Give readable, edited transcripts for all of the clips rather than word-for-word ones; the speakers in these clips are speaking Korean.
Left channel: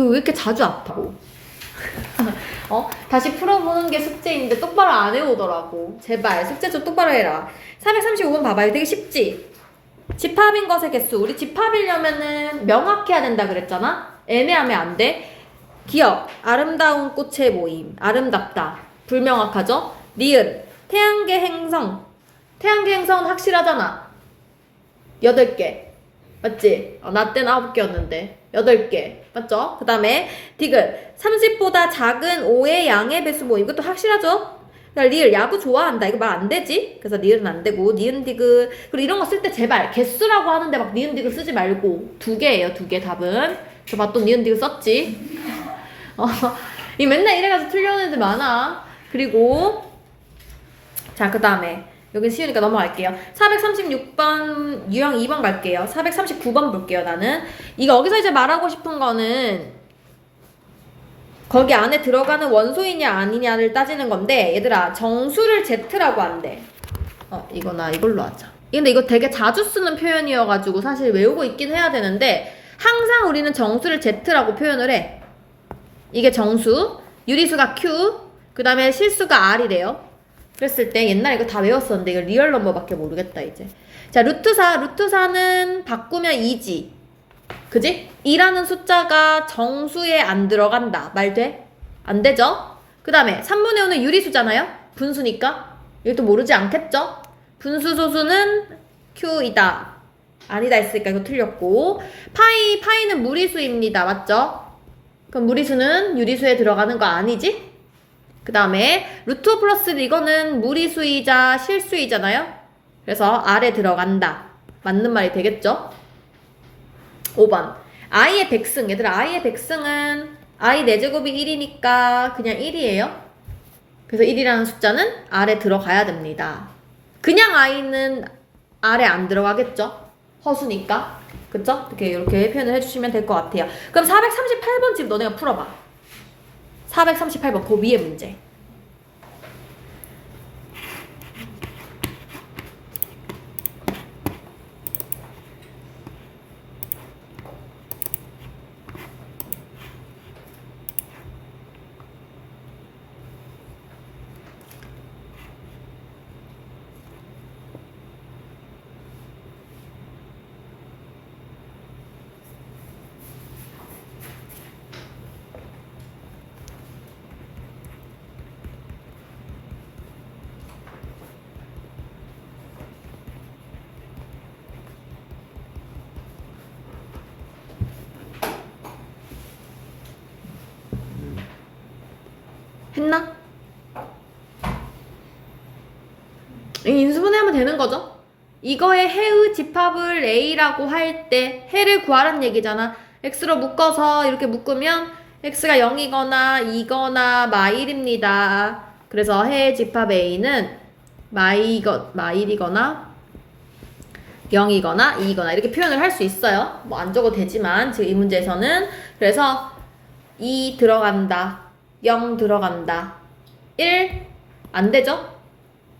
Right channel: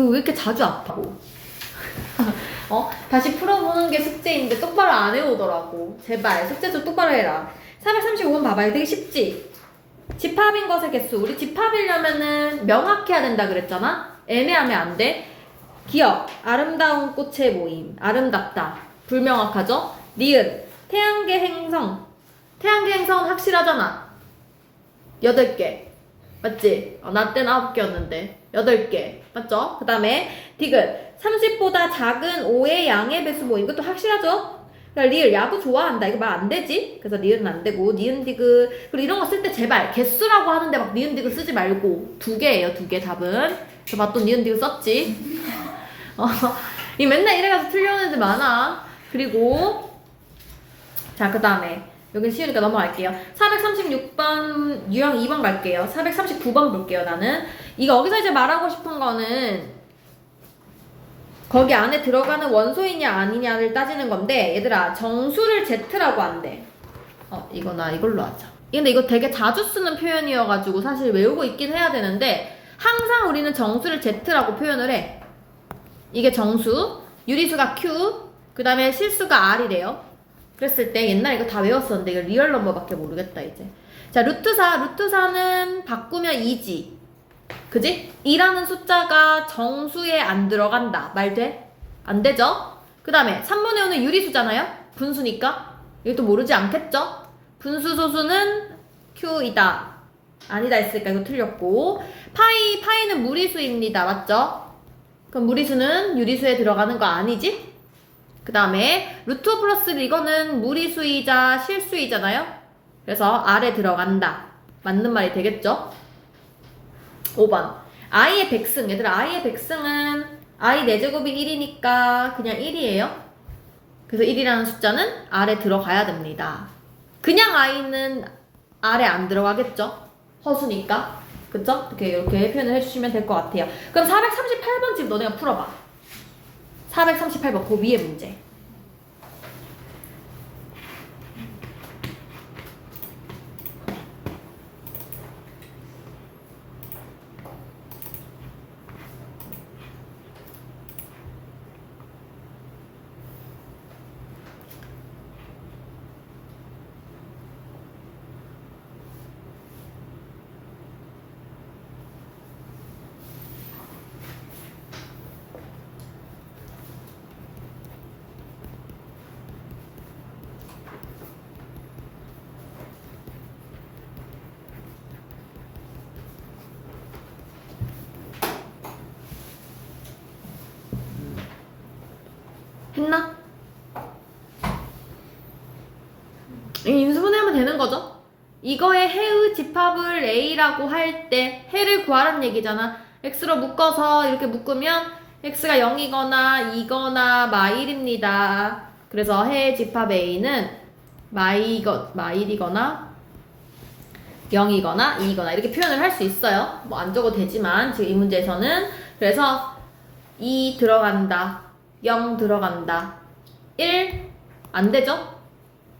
이거 왜 이렇게 자주 아파? 다시 풀어보는 게 숙제인데 똑바로 안 해오더라고. 제발 숙제 좀 똑바로 해라. 435번 봐봐. 이거 되게 쉽지? 집합인 것의 개수. 우리 집합이려면은 명확해야 된다 그랬잖아? 애매하면 안 돼. 기억. 아름다운 꽃의 모임. 아름답다. 불명확하죠? 니은. 태양계 행성. 태양계 행성은 확실하잖아. 8개. 맞지? 나 때는 9개였는데 8개 맞죠? 그 다음에 디귿 30보다 작은 5의 양의 배수 뭐 이것도 확실하죠? 리을 야구 좋아한다 이거 말 안되지? 그래서 니은은 안되고 니은 디귿 그리고 이런 거 쓸 때 제발 개수라고 하는데 막 니은 디귿 쓰지 말고 2개예요 2개 답은 저 봤던 니은 디귿 썼지? 이 맨날 이래가지고 틀려는 애들 많아. 그리고 자 그 다음에 여긴 쉬우니까 넘어갈게요. 436번 유형 2번 갈게요. 439번 볼게요. 나는 이거 여기서 이제 말하고 싶은 거는 거기 안에 들어가는 원소이냐 아니냐를 따지는 건데 얘들아 정수를 Z라고 한대. 이거 나 이걸로 하자. 근데 이거 되게 자주 쓰는 표현이어가지고 사실 외우고 있긴 해야 되는데 항상 우리는 정수를 Z라고 표현을 해. 이게 정수, 유리수가 Q, 그 다음에 실수가 R이래요. 그랬을 때 옛날에 이거 다 외웠었는데 이거 리얼 넘버밖에 모르겠다 이제. 자 루트 4는 바꾸면 2지 그지? 2라는 숫자가 정수에 안 들어간다 말 돼? 안 되죠? 그 다음에 3분의 5는 유리수잖아요? 분수니까 이것도 모르지 않겠죠? 분수 소수는 Q이다 아니다 했으니까 이거 틀렸고 파이는 무리수입니다 맞죠? 그럼 무리수는 유리수에 들어가는 거 아니지? 그 다음에 루트 5 플러스 이거는 무리수이자 실수이잖아요? 그래서 R에 들어간다. 맞는 말이 되겠죠? 5번 i의 백승. 얘들아 i의 백승은 i 4제곱이 1이니까 그냥 1이에요. 그래서 1이라는 숫자는 R에 들어가야 됩니다. 그냥 i는 R에 안 들어가겠죠? 허수니까. 그쵸? 이렇게 표현을 해주시면 될 것 같아요. 그럼 438번 집 너네가 풀어봐. 438번 그 위에 문제. 했나? 인수분해하면 되는 거죠? 이거의 해의 집합을 A라고 할 때 해를 구하라는 얘기잖아. X로 묶어서 이렇게 묶으면 X가 0이거나 2거나 마일입니다. 그래서 해의 집합 A는 마일이거나 0이거나 2거나 이렇게 표현을 할 수 있어요. 뭐 안 적어도 되지만 지금 이 문제에서는 그래서 2 들어간다. 0 들어간다. 1 안 되죠?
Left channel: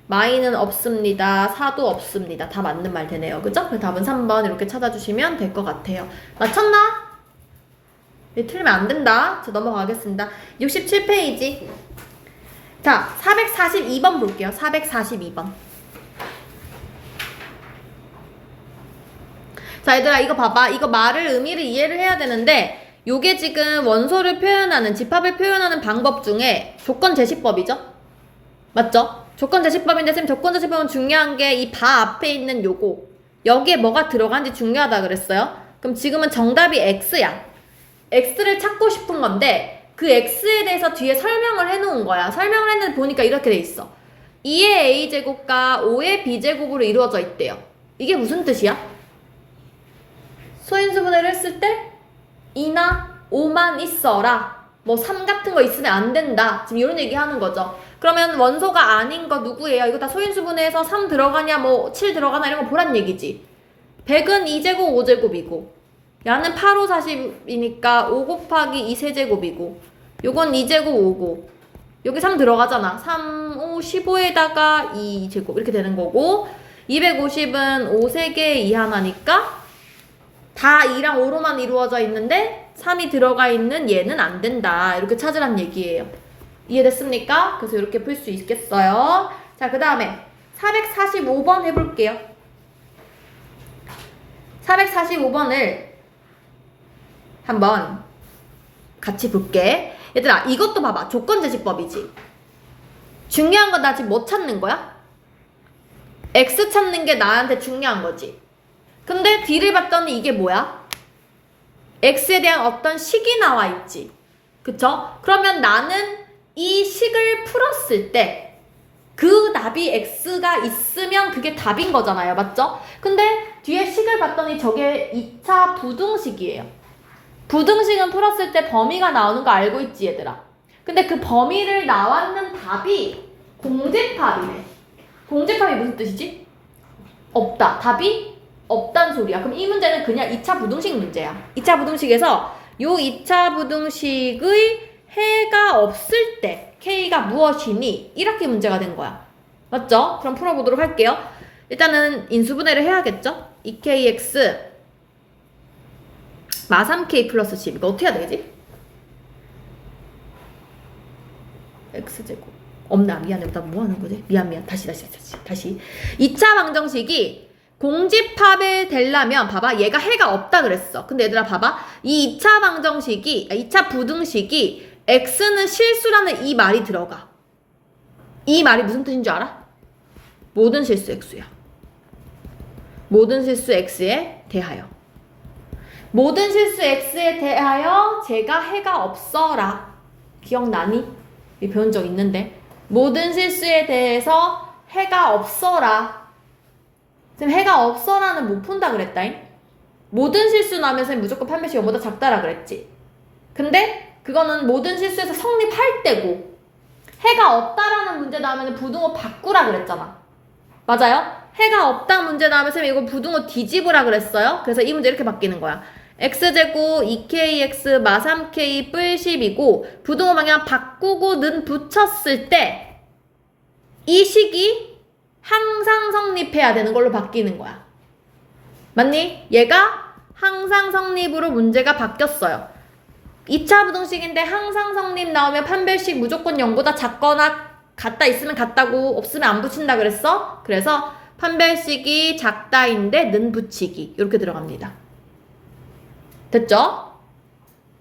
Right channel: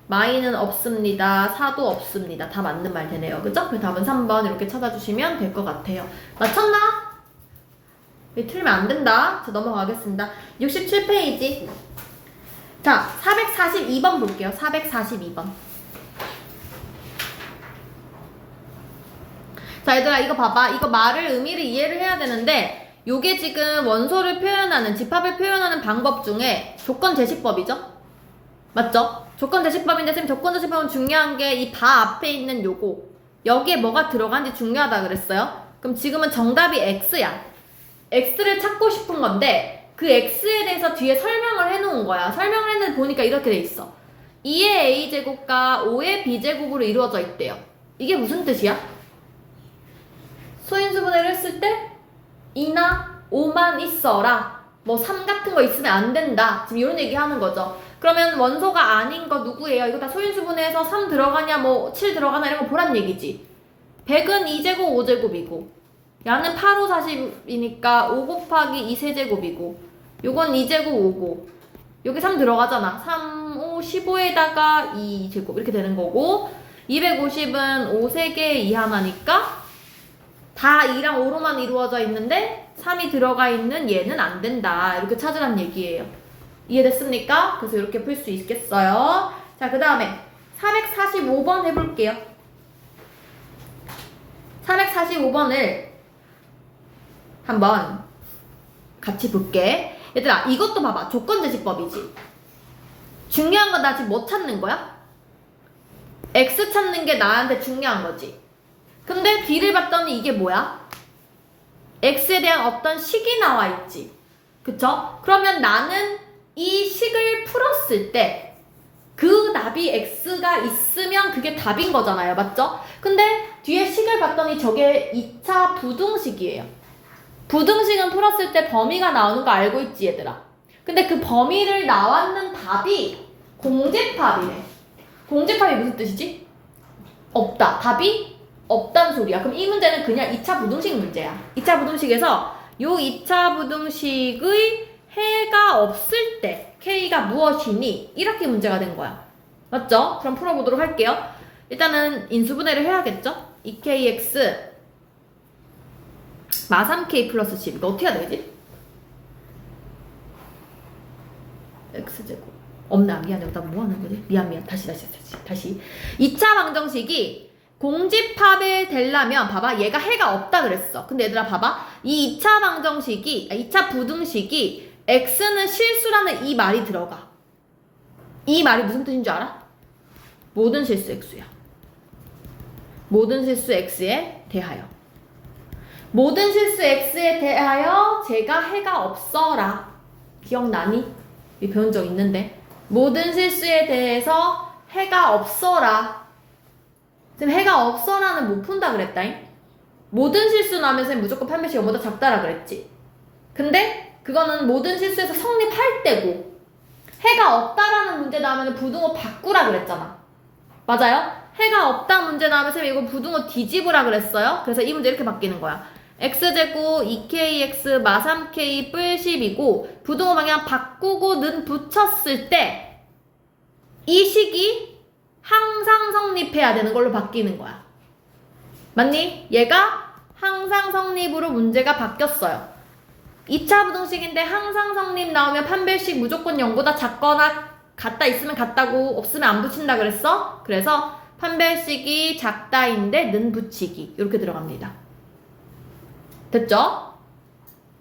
마이는 없습니다. 4도 없습니다. 다 맞는 말 되네요. 그죠? 그래서 답은 3번 이렇게 찾아주시면 될 것 같아요. 맞췄나? 틀리면 안 된다. 자, 넘어가겠습니다. 67페이지. 자, 442번 볼게요. 442번. 자, 얘들아, 이거 봐봐. 이거 말을, 의미를 이해를 해야 되는데, 요게 지금 원소를 표현하는, 집합을 표현하는 방법 중에 조건 제시법이죠? 맞죠? 조건 제시법인데, 선생님 조건 제시법은 중요한 게 이 바 앞에 있는 요거. 여기에 뭐가 들어간지 중요하다 그랬어요? 그럼 지금은 정답이 X야. X를 찾고 싶은 건데, 그 X에 대해서 뒤에 설명을 해놓은 거야. 설명을 했는데 보니까 이렇게 돼 있어. 2의 A제곱과 5의 B제곱으로 이루어져 있대요. 이게 무슨 뜻이야? 소인수분해를 했을 때 2나 5만 있어라. 뭐 3 같은 거 있으면 안 된다. 지금 이런 얘기 하는 거죠. 그러면 원소가 아닌 거 누구예요? 이거 다 소인수분해해서 3 들어가냐 뭐 7 들어가나 이런 거 보란 얘기지. 100은 2제곱 5제곱이고 야는 8, 5, 40이니까 5 곱하기 2 세제곱이고 요건 2제곱 5고 여기 3 들어가잖아. 3, 5, 15에다가 2제곱 이렇게 되는 거고 250은 5 3개 2 하나니까 다 2랑 5로만 이루어져 있는데 3이 들어가 있는 얘는 안 된다. 이렇게 찾으란 얘기예요. 이해됐습니까? 그래서 이렇게 풀 수 있겠어요. 자, 그 다음에 445번 해볼게요. 445번을 한번 같이 볼게. 얘들아, 이것도 봐봐. 조건제시법이지. 중요한 건 나 지금 뭐 찾는 거야? x 찾는 게 나한테 중요한 거지. 근데 뒤를 봤더니 이게 뭐야? x에 대한 어떤 식이 나와 있지. 그쵸? 그러면 나는 이 식을 풀었을 때 그 답이 x가 있으면 그게 답인 거잖아요. 맞죠? 근데 뒤에 식을 봤더니 저게 2차 부등식이에요. 부등식은 풀었을 때 범위가 나오는 거 알고 있지, 얘들아? 근데 그 범위를 나왔는 답이 공집합이네. 공집합이 무슨 뜻이지? 없다. 답이 없단 소리야. 그럼 이 문제는 그냥 2차 부등식 문제야. 2차 부등식에서 요 2차 부등식의 해가 없을 때 K가 무엇이니? 이렇게 문제가 된 거야. 맞죠? 그럼 풀어보도록 할게요. 일단은 인수분해를 해야겠죠? 2kx 마 3k 플러스 10 이거 어떻게 해야 되지? x제곱 없나? 미안해. 나 뭐 하는 거지? 미안. 다시 2차 방정식이 공집합을 되려면 봐봐. 얘가 해가 없다 그랬어. 근데 얘들아 봐봐. 이 2차 방정식이 2차 부등식이 x는 실수라는 이 말이 들어가. 이 말이 무슨 뜻인 줄 알아? 모든 실수 x야. 모든 실수 x에 대하여. 모든 실수 x에 대하여 제가 해가 없어라. 기억나니? 이 배운 적 있는데. 모든 실수에 대해서 해가 없어라. 지금 해가 없어라는 못 푼다 그랬다잉? 모든 실수 나면서 무조건 판별식 0보다 작다라 그랬지. 근데 그거는 모든 실수에서 성립할 때고 해가 없다라는 문제 나오면 부등호 바꾸라 그랬잖아. 맞아요? 해가 없다 문제 나오면 이거 부등호 뒤집으라 그랬어요. 그래서 이 문제 이렇게 바뀌는 거야. x제곱 2kx 마 3k 뿔 10이고 부등호 방향 바꾸고 는 붙였을 때 이 식이 항상 성립해야 되는 걸로 바뀌는 거야. 맞니? 얘가 항상 성립으로 문제가 바뀌었어요. 2차 부등식인데 항상 성립 나오면 판별식 무조건 0보다 작거나 같다 있으면 같다고 없으면 안 붙인다 그랬어? 그래서 판별식이 작다인데 는 붙이기 이렇게 들어갑니다. 됐죠?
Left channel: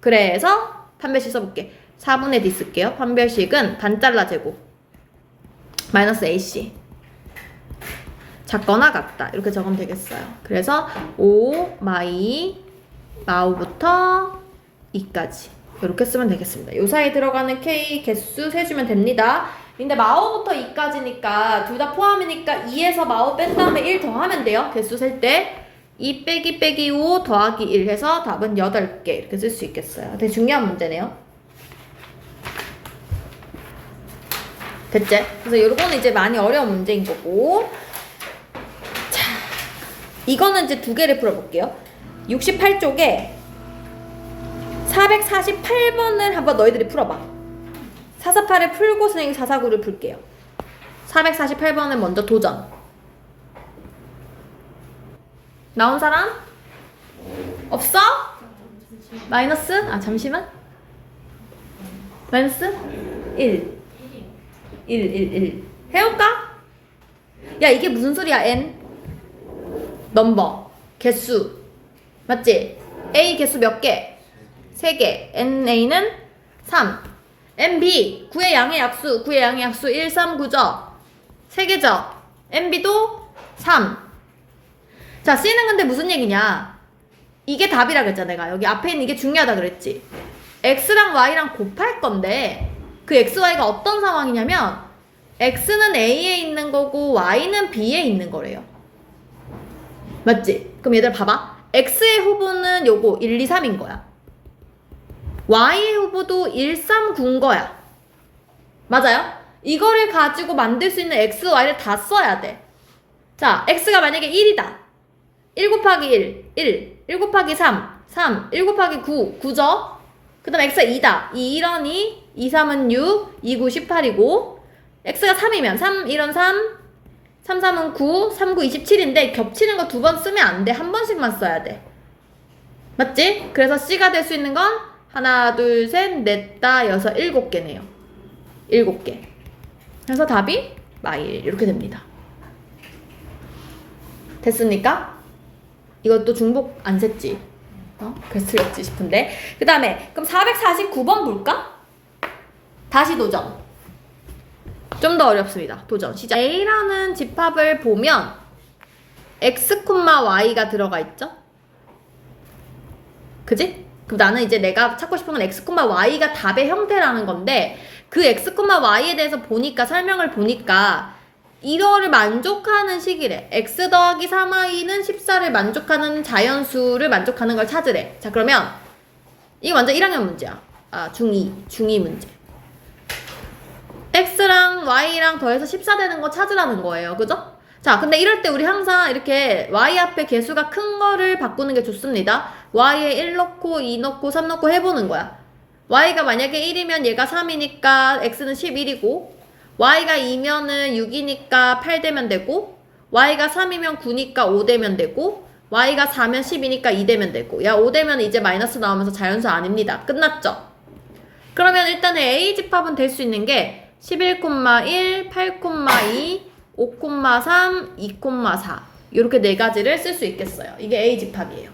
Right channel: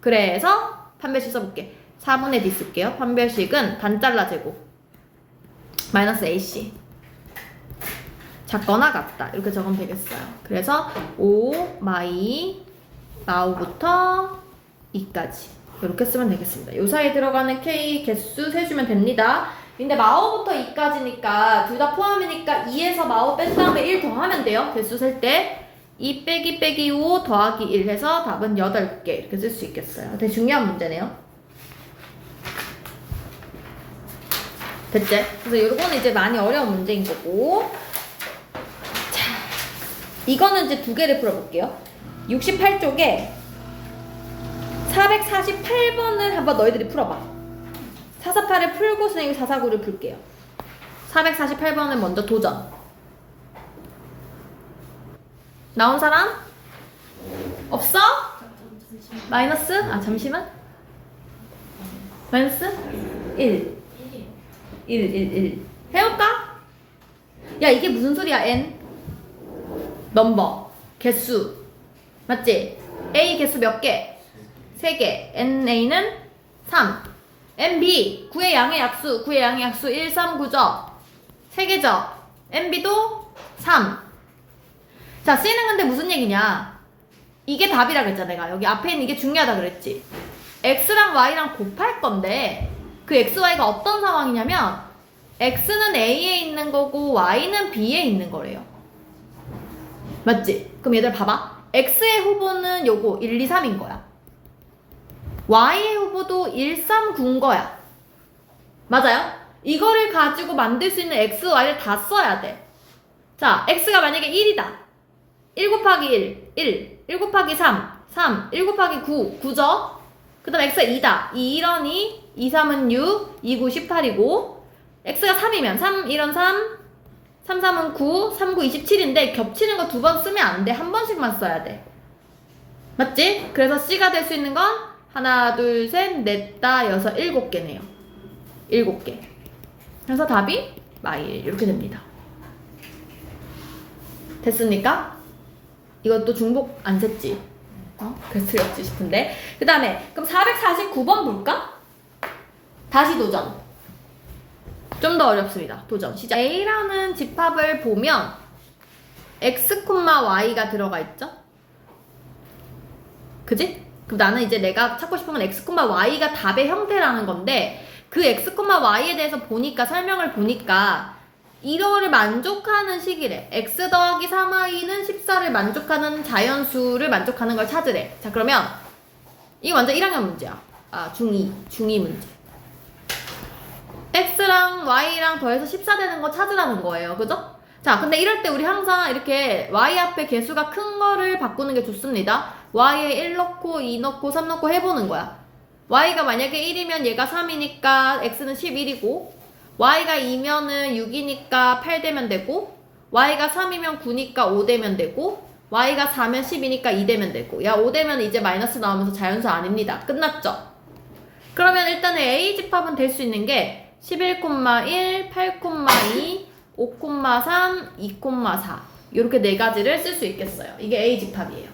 그래서 판별식 써볼게. 4분의 d 쓸게요. 판별식은 반잘라 제곱 마이너스 ac 작거나 같다 이렇게 적으면 되겠어요. 그래서 5 마우부터 2까지 이렇게 쓰면 되겠습니다. 요 사이에 들어가는 k 개수 세주면 됩니다. 근데 마오부터 2까지니까 둘 다 포함이니까 2에서 마오 뺀 다음에 1 더하면 돼요. 개수 셀 때 2 빼기 5 더하기 1 해서 답은 8개 이렇게 쓸 수 있겠어요. 되게 중요한 문제네요. 됐지? 그래서 이거는 이제 많이 어려운 문제인 거고, 자, 이거는 이제 두 개를 풀어볼게요. 68쪽에 448번을 한번 너희들이 풀어봐. 448을 풀고 선생님이 449를 풀게요. 448번을 먼저 도전. 나온 사람? 없어? 마이너스? 아 잠시만. 마이너스? 1 해볼까? 야 이게 무슨 소리야? n 넘버 개수 맞지? a 개수 몇 개? 3개. na는 3. nb 9의 양의 약수 1, 3, 9죠? 3개죠? nb도 3. 자 c는 근데 무슨 얘기냐? 이게 답이라 그랬잖아. 내가 여기 앞에 있는 이게 중요하다 그랬지. x랑 y랑 곱할 건데 그 x, y가 어떤 상황이냐면 x는 a에 있는 거고 y는 b에 있는 거래요. 맞지? 그럼 얘들 봐봐. x의 후보는 요거 1, 2, 3인 거야. y의 후보도 1, 3, 9인 거야. 맞아요? 이거를 가지고 만들 수 있는 x, y를 다 써야 돼. 자, x가 만약에 1이다. 1 곱하기 1 곱하기 3, 1 곱하기 9죠? 그 다음 x가 2다. 2, 1은 2, 3은 6, 2, 9, 18이고 x가 3이면 3, 1은 3, 3, 3은 9, 3, 9, 27인데 겹치는 거 2번 쓰면 안 돼. 한 번씩만 써야 돼. 맞지? 그래서 C가 될 수 있는 건 하나, 둘, 셋, 넷, 다, 여섯, 7개네요. 7개. 그래서 답이 마일 이렇게 됩니다. 됐습니까? 이것도 중복 안 셌지? 베스트였지 싶은데. 그 다음에 그럼 449번 볼까? 다시 도전. 좀 더 어렵습니다. 도전 시작. A라는 집합을 보면 x, y가 들어가 있죠? 그지? 그럼 나는 이제 내가 찾고 싶은 건 x, y가 답의 형태라는 건데 그 x, y에 대해서 보니까 설명을 보니까 이거를 만족하는 식이래. x 더하기 3y는 14를 만족하는 자연수를 만족하는 걸 찾으래. 자 그러면 이거 완전 1학년 문제야. 중2 문제. x랑 y랑 더해서 14 되는 거 찾으라는 거예요. 그죠? 자 근데 이럴 때 우리 항상 이렇게 y 앞에 개수가 큰 거를 바꾸는 게 좋습니다. y에 1 넣고 2 넣고 3 넣고 해보는 거야. y가 만약에 1이면 얘가 3이니까 x는 11이고 y가 2면은 6이니까 8 되면 되고 y가 3이면 9니까 5 되면 되고 y가 4면 10이니까 2 되면 되고 야 5 되면 이제 마이너스 나오면서 자연수 아닙니다. 끝났죠? 그러면 일단은 A 집합은 될 수 있는 게 11,1, 8,2, 5,3, 2,4 이렇게 네 가지를 쓸 수 있겠어요. 이게 A 집합이에요.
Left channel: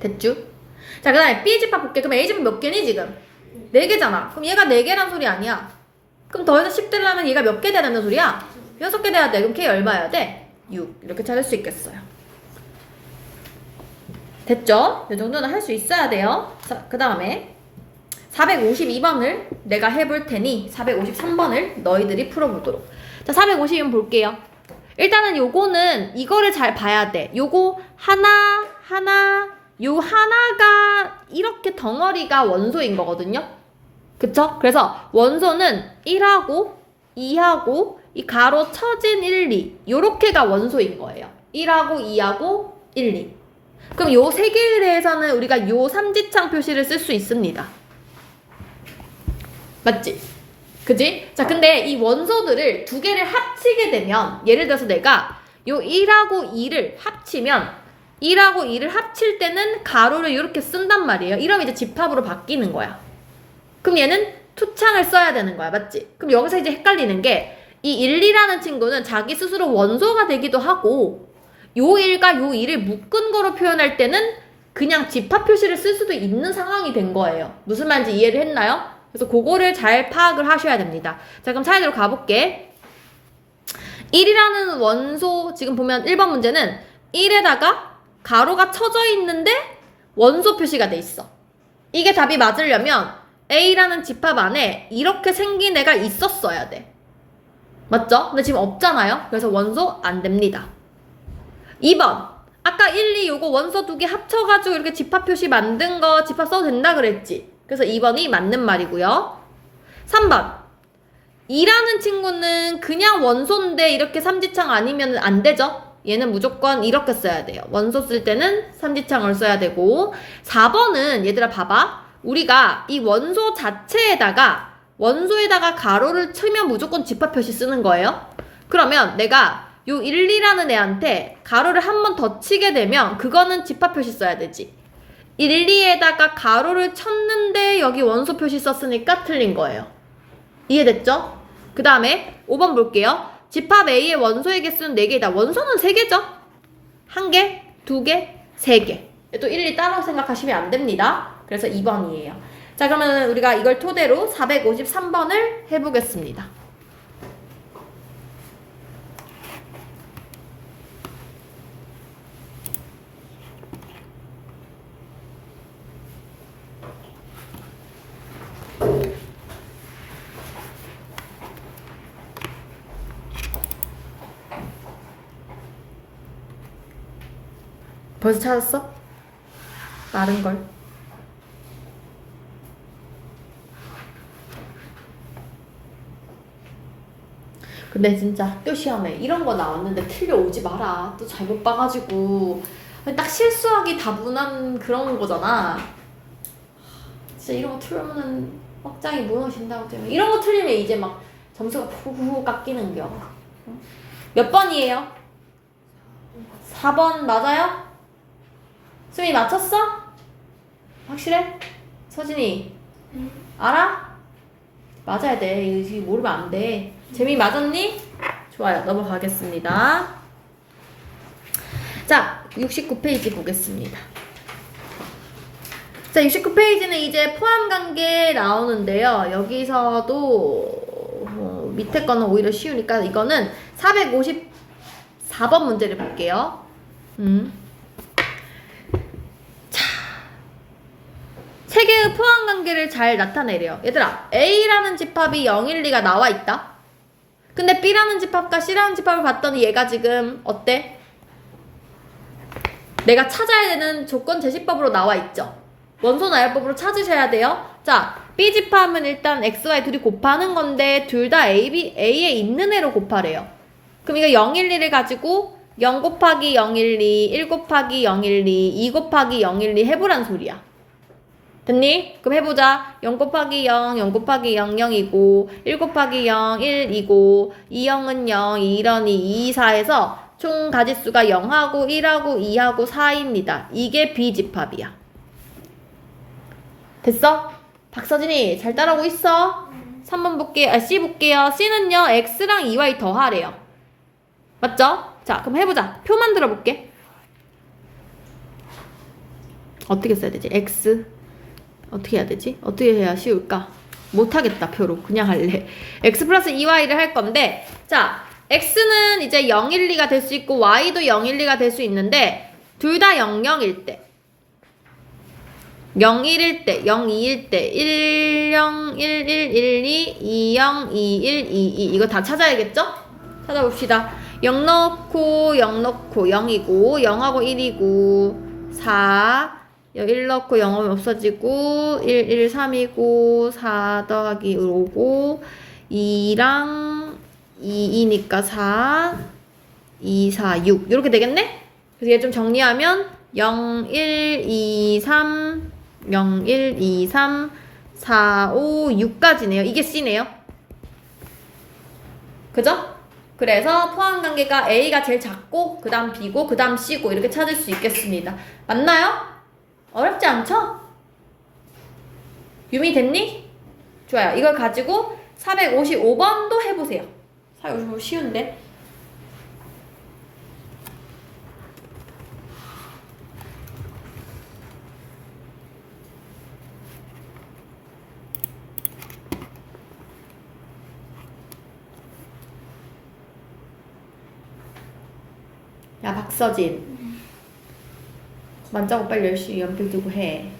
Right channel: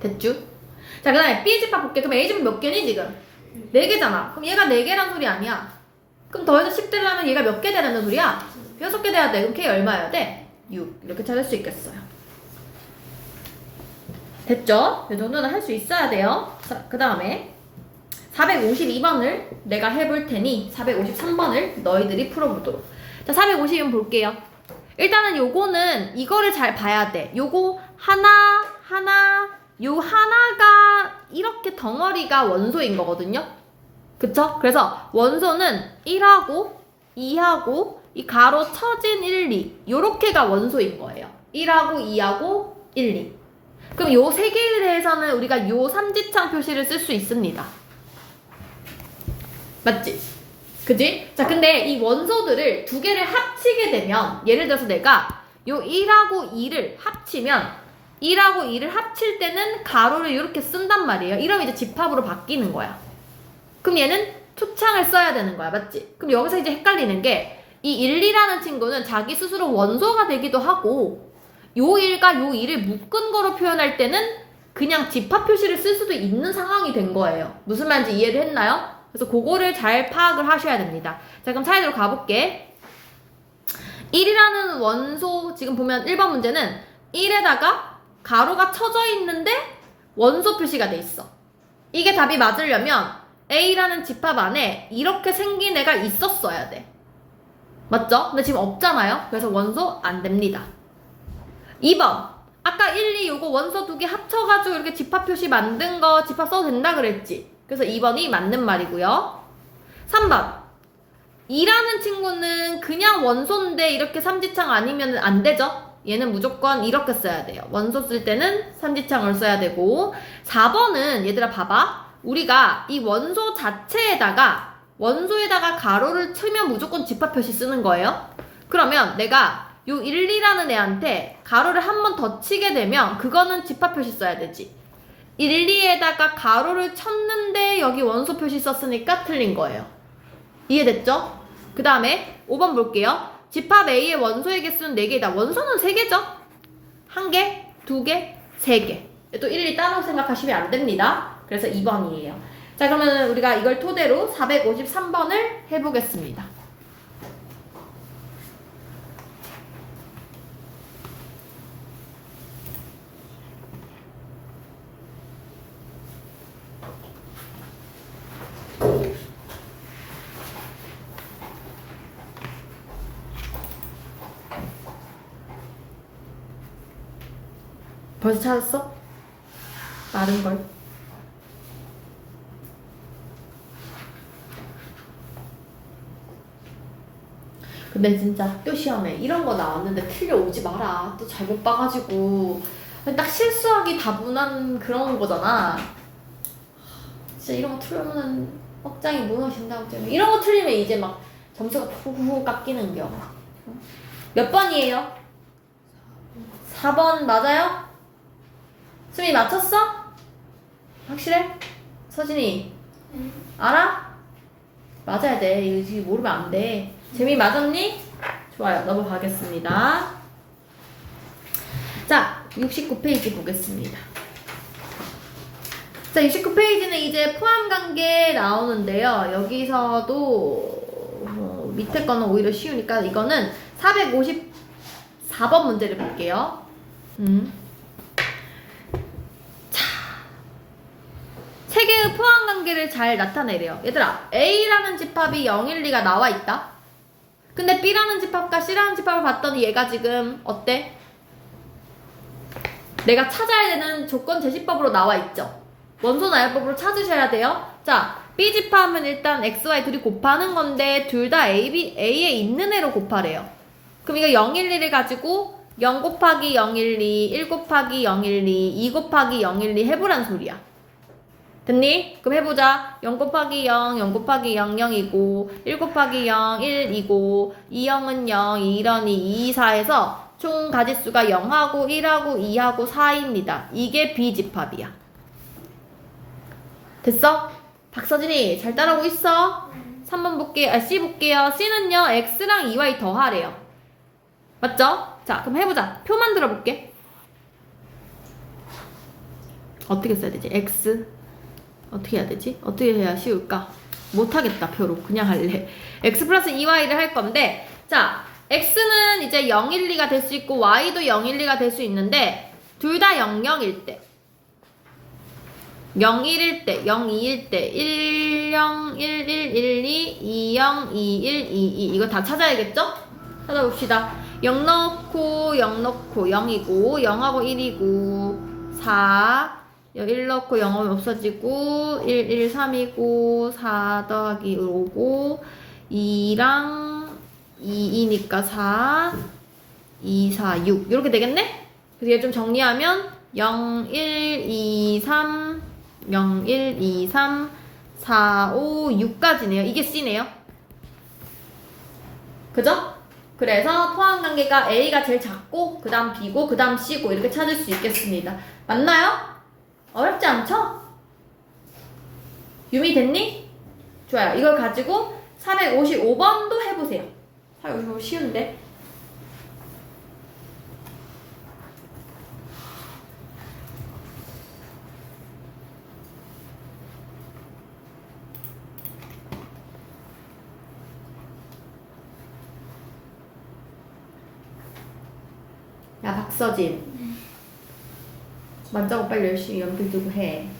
됐죠? 자 그 다음에 B 집합 볼게. 그럼 A 집합 몇 개니 지금? 4개잖아. 그럼 얘가 4개란 소리 아니야. 그럼 더해서 10 되려면 얘가 몇 개 돼야 된다는 소리야? 6개 돼야 돼. 그럼 K 얼마여야 돼? 6 이렇게 찾을 수 있겠어요. 됐죠? 이 정도는 할 수 있어야 돼요. 자 그 다음에 452번을 내가 해볼 테니 453번을 너희들이 풀어보도록. 자 452번 볼게요. 일단은 요거는 이거를 잘 봐야 돼. 요거 하나 요 하나가 이렇게 덩어리가 원소인 거거든요. 그쵸? 그래서 원소는 1하고 2하고 이 가로 쳐진 1, 2 요렇게가 원소인 거예요. 1하고 2하고 1, 2 그럼 요 세 개에 대해서는 우리가 요 삼지창 표시를 쓸 수 있습니다. 맞지? 그지? 자 근데 이 원소들을 두 개를 합치게 되면 예를 들어서 내가 요 1하고 2를 합치면 1하고 2를 합칠 때는 가로를 이렇게 쓴단 말이에요. 이러면 이제 집합으로 바뀌는 거야. 그럼 얘는 투창을 써야 되는 거야. 맞지? 그럼 여기서 이제 헷갈리는 게 이 1, 2라는 친구는 자기 스스로 원소가 되기도 하고 요 1과 요 2를 묶은 거로 표현할 때는 그냥 집합 표시를 쓸 수도 있는 상황이 된 거예요. 무슨 말인지 이해를 했나요? 그래서 그거를 잘 파악을 하셔야 됩니다. 자 그럼 차례대로 가볼게. 1이라는 원소 지금 보면 1번 문제는 1에다가 가로가 쳐져 있는데 원소 표시가 돼 있어. 이게 답이 맞으려면 A라는 집합 안에 이렇게 생긴 애가 있었어야 돼. 맞죠? 근데 지금 없잖아요. 그래서 원소 안 됩니다. 2번 아까 1, 2 요거 원소 두 개 합쳐가지고 이렇게 집합 표시 만든 거 집합 써도 된다 그랬지? 그래서 2번이 맞는 말이고요. 3번 2라는 친구는 그냥 원소인데 이렇게 삼지창 아니면 안 되죠? 얘는 무조건 이렇게 써야 돼요. 원소 쓸 때는 삼지창을 써야 되고 4번은 얘들아 봐봐. 우리가 이 원소 자체에다가 원소에다가 가로를 치면 무조건 집합 표시 쓰는 거예요. 그러면 내가 요 1, 2라는 애한테 가로를 한 번 더 치게 되면 그거는 집합 표시 써야 되지. 1, 2에다가 가로를 쳤는데 여기 원소 표시 썼으니까 틀린 거예요. 이해됐죠? 그 다음에 5번 볼게요. 집합 A의 원소의 개수는 4개이다. 원소는 3개죠? 1개, 2개, 3개. 또 1, 2 따로 생각하시면 안 됩니다. 그래서 2번이에요. 자 그러면 우리가 이걸 토대로 453번을 해보겠습니다. 벌써 찾았어? 마른걸. 근데 진짜 또 시험에 이런 거 나왔는데 틀려오지 마라. 또 잘못 봐가지고 딱 실수하기 다분한 그런 거잖아. 진짜 이런 거 틀리면 확장이 무너진다고 때문에 이런 거 틀리면 이제 막 점수가 푸후 깎이는 겨. 몇 번이에요? 4번 맞아요? 수미 맞췄어? 확실해? 서진이 알아? 맞아야 돼. 이거 모르면 안 돼. 재미 맞았니? 좋아요. 넘어가겠습니다. 자, 69페이지 보겠습니다. 자, 69페이지는 이제 포함관계 나오는데요. 여기서도 밑에 거는 오히려 쉬우니까 이거는 454번 문제를 볼게요. 자, 세 개의 포함관계를 잘 나타내래요. 얘들아, A라는 집합이 0, 1, 2가 나와 있다. 근데 B라는 집합과 C라는 집합을 봤더니 얘가 지금 어때? 내가 찾아야 되는 조건 제시법으로 나와 있죠. 원소 나열법으로 찾으셔야 돼요. 자, B 집합은 일단 X, Y 둘이 곱하는 건데 둘 다 A에 있는 애로 곱하래요. 그럼 이거 0, 1, 2를 가지고 0 곱하기 0, 1, 2, 1 곱하기 0, 1, 2, 2 곱하기 0, 1, 2 해보란 소리야. 됐니? 그럼 해보자. 0 곱하기 0, 0 곱하기 0, 0이고 1 곱하기 0, 1이고 2, 0은 0, 2, 1은 2, 2, 4에서 총 가짓수가 0하고 1하고 2하고 4입니다. 이게 B 집합이야. 됐어? 박서진이 잘 따라오고 있어? 3번 볼게요. C 볼게요. C는요, X랑 2Y 더하래요. 맞죠? 자, 그럼 해보자. 표 만들어 볼게. 어떻게 써야 되지? X. 어떻게 해야 되지? 어떻게 해야 쉬울까? 못하겠다, 표로. 그냥 할래. X 플러스 2Y를 할 건데, 자, X는 이제 0, 1, 2가 될 수 있고, Y도 0, 1, 2가 될 수 있는데, 둘 다 0, 0일 때. 0, 1일 때, 0, 2일 때, 1, 0, 1, 1, 1, 2, 2, 0, 2, 1, 2, 2. 이거 다 찾아야겠죠? 찾아봅시다. 0 넣고, 0 넣고, 0이고, 0하고 1이고, 4. 1 넣고 0하면 없어지고, 1, 1, 3이고, 4 더하기 5고, 2랑 2이니까 4, 2, 4, 6. 이렇게 되겠네? 그래서 얘 좀 정리하면, 0, 1, 2, 3, 0, 1, 2, 3, 4, 5, 6까지네요. 이게 C네요. 그죠? 그래서 포함관계가 A가 제일 작고 그 다음 B고 그 다음 C고 이렇게 찾을 수 있겠습니다. 맞나요? 어렵지 않죠? 유미 됐니? 좋아요. 이걸 가지고 455번도 해보세요. 455 쉬운데. 야, 박서진. 먼저 빨리 열심히 연필 들고 해.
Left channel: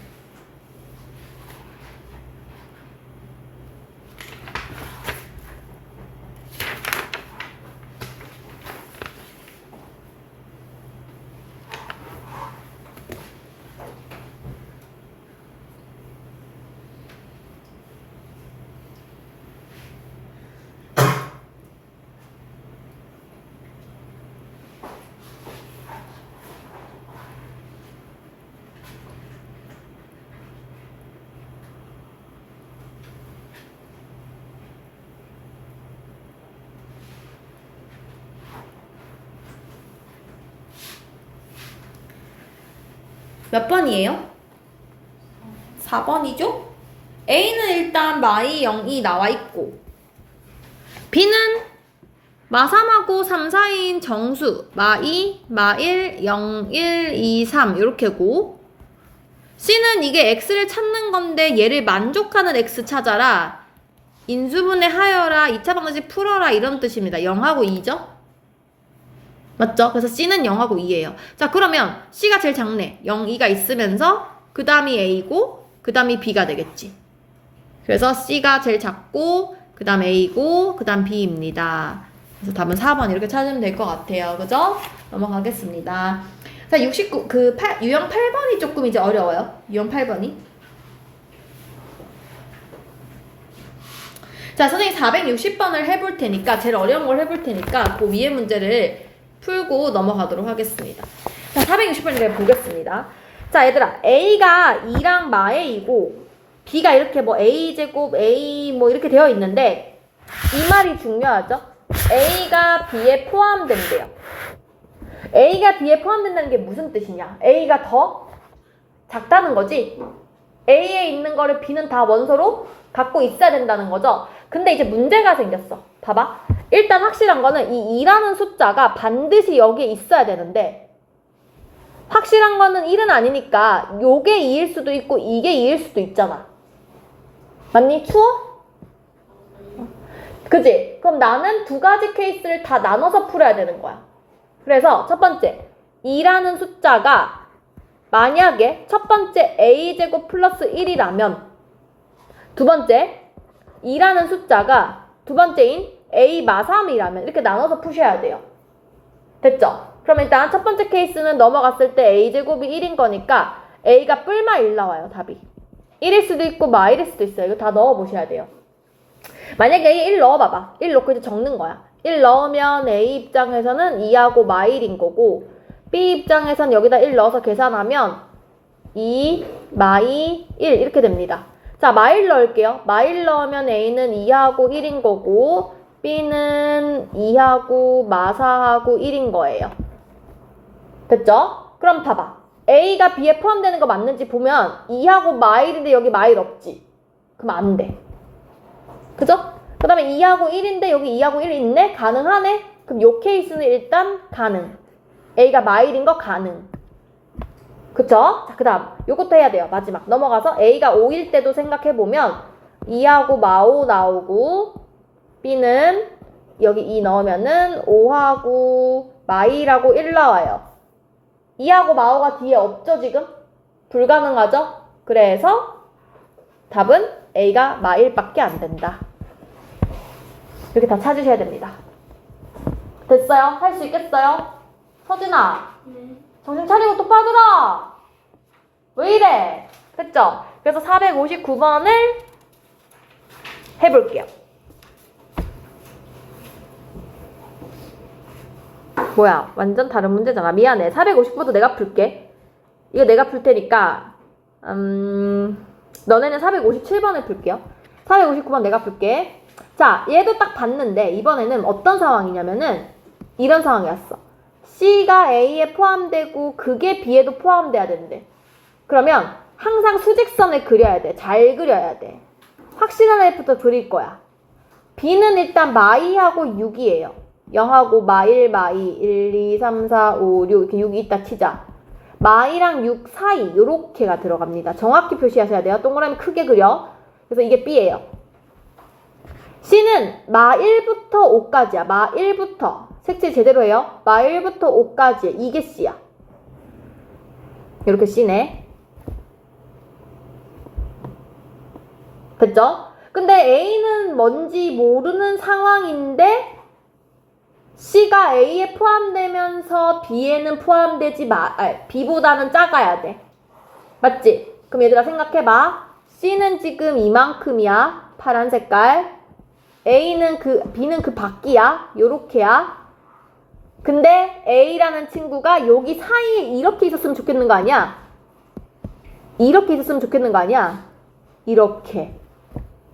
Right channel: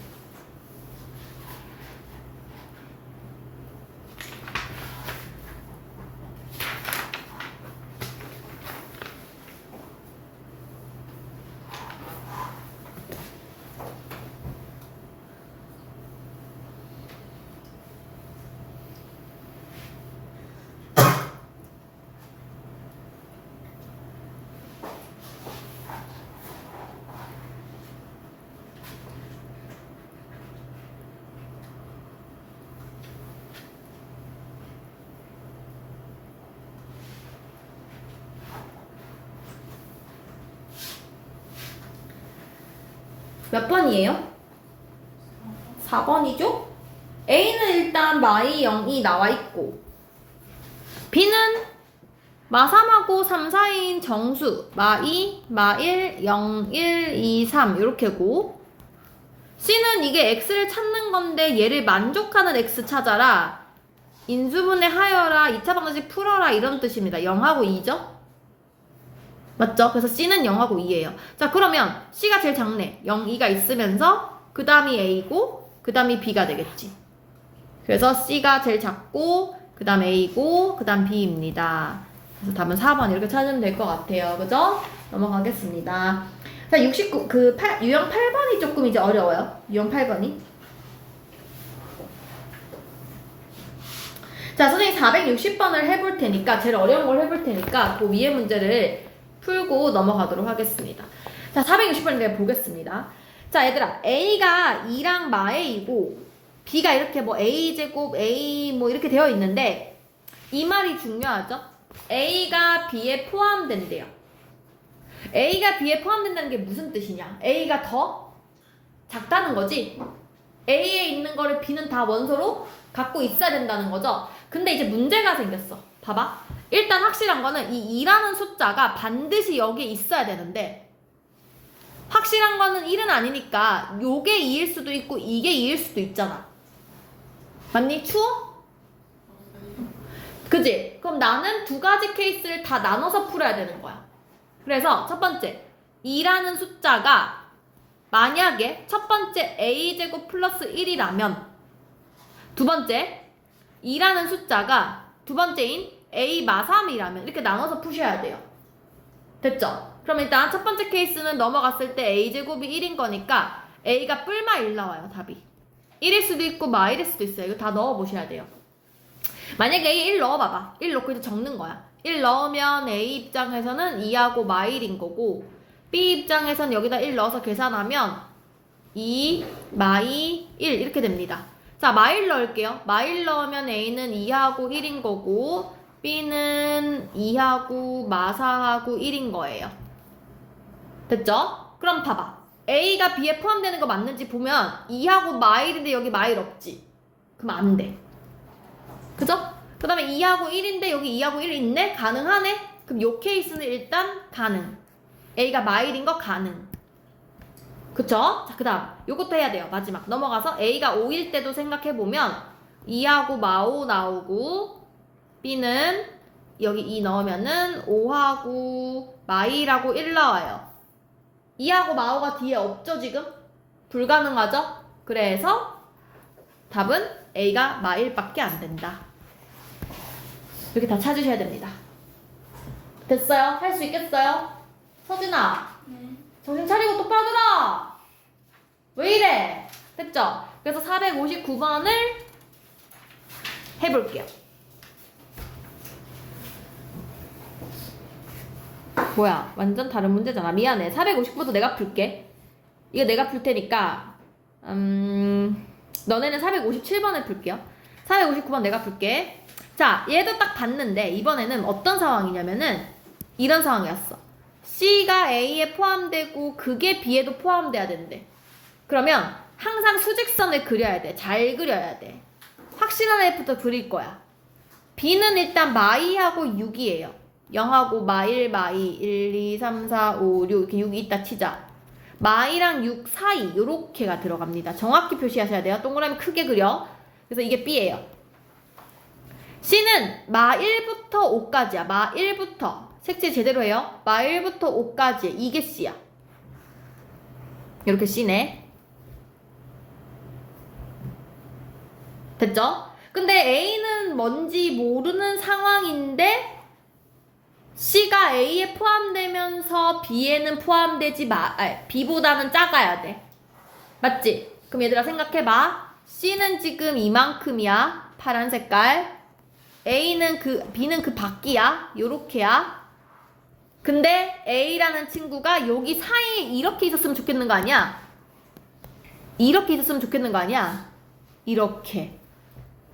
몇 번이에요? 4번이죠? A는 일단 마이 0이 나와 있고 B는 마 3하고 3 사이인 정수 마2, 마1, 0, 1, 2, 3 이렇게고 C는 이게 X를 찾는 건데 얘를 만족하는 X 찾아라 인수분해 하여라 2차 방정식 풀어라 이런 뜻입니다. 0하고 2죠? 맞죠? 그래서 C는 0하고 2예요. 자, 그러면 C가 제일 작네. 0, 2가 있으면서 그 다음이 A고 그 다음이 B가 되겠지. 그래서 C가 제일 작고 그 다음 A고 그 다음 B입니다. 그래서 답은 4번 이렇게 찾으면 될 것 같아요. 그죠? 넘어가겠습니다. 자, 69, 유형 8번이 조금 이제 어려워요. 유형 8번이. 자, 선생님 460번을 해볼 테니까, 제일 어려운 걸 해볼 테니까, 그 위에 문제를 풀고 넘어가도록 하겠습니다. 자, 460번을 보겠습니다. 자, 얘들아, A가 2랑 마A이고, B가 이렇게 뭐 A제곱, A 뭐 이렇게 되어 있는데, 이 말이 중요하죠? A가 B에 포함된대요. A가 B에 포함된다는 게 무슨 뜻이냐? A가 더 작다는 거지. A에 있는 거를 B는 다 원소로 갖고 있어야 된다는 거죠. 근데 이제 문제가 생겼어. 봐봐. 일단 확실한 거는 이 2라는 숫자가 반드시 여기에 있어야 되는데 확실한 거는 1은 아니니까 요게 2일 수도 있고 이게 2일 수도 있잖아. 맞니? 추워? 그지? 그럼 나는 두 가지 케이스를 다 나눠서 풀어야 되는 거야. 그래서 첫 번째 2라는 숫자가 만약에 첫 번째 a제곱 플러스 1이라면 두 번째 2라는 숫자가 두 번째인 a 마3이라면 이렇게 나눠서 푸셔야 돼요. 됐죠? 그럼 일단 첫 번째 케이스는 넘어갔을 때 a제곱이 1인 거니까 a가 뿔마 1 나와요. 답이 1일 수도 있고 마 1일 수도 있어요. 이거 다 넣어보셔야 돼요. 만약에 a 1 넣어봐봐. 1 넣고 이제 적는 거야. 1 넣으면 a 입장에서는 2하고 마 1인 거고 B 입장에선 여기다 1 넣어서 계산하면 2, 마 2, 1 이렇게 됩니다. 자, 마 1 넣을게요. 마 1 넣으면 A는 2하고 1인 거고 B는 2하고 마 4하고 1인 거예요. 됐죠? 그럼 봐봐. A가 B에 포함되는 거 맞는지 보면 2하고 마 1인데 여기 마 1 없지? 그럼 안 돼. 그죠? 그 다음에 2하고 1인데 여기 2하고 1 있네? 가능하네? 그럼 요 케이스는 일단 가능. A가 마 1인 거 가능. 그쵸? 자, 그 다음 요것도 해야 돼요. 마지막 넘어가서 A가 5일 때도 생각해보면 2하고 마 5 나오고 B는 여기 2 넣으면은 5하고 마 2하고 1 나와요. 2하고 마 5가 뒤에 없죠 지금? 불가능하죠? 그래서 답은 A가 마 1밖에 안 된다. 이렇게 다 찾으셔야 됩니다. 됐어요? 할 수 있겠어요? 서진아, 정신 차리고 똑바로 들어! 왜 이래? 됐죠? 그래서 459번을 해볼게요. 뭐야, 완전 다른 문제잖아. 미안해. 459번도 내가 풀게. 이거 내가 풀 테니까 너네는 457번을 풀게요. 459번 내가 풀게. 자, 얘도 딱 봤는데 이번에는 어떤 상황이냐면은 이런 상황이었어. C가 A에 포함되고 그게 B에도 포함돼야 된대. 그러면 항상 수직선을 그려야 돼. 잘 그려야 돼. 확실한 애부터 그릴 거야. B는 일단 마 2하고 6이에요. 0하고 마 1, 마 2, 1, 2, 3, 4, 5, 6 이렇게 6이 있다 치자. 마 2랑 6 사이 요렇게가 들어갑니다. 정확히 표시하셔야 돼요. 동그라미 크게 그려. 그래서 이게 B예요. C는 마 1부터 5까지야. 마 1부터. 색칠 제대로 해요. 마 1부터 5까지. 이게 C야. 이렇게 C네. 됐죠? 근데 A는 뭔지 모르는 상황인데 C가 A에 포함되면서 B에는 포함되지 B보다는 작아야 돼. 맞지? 그럼 얘들아 생각해봐. C는 지금 이만큼이야. 파란 색깔. B는 그 밖이야. 요렇게야. 근데 A라는 친구가 여기 사이에 이렇게 있었으면 좋겠는 거 아니야? 이렇게 있었으면 좋겠는 거 아니야? 이렇게.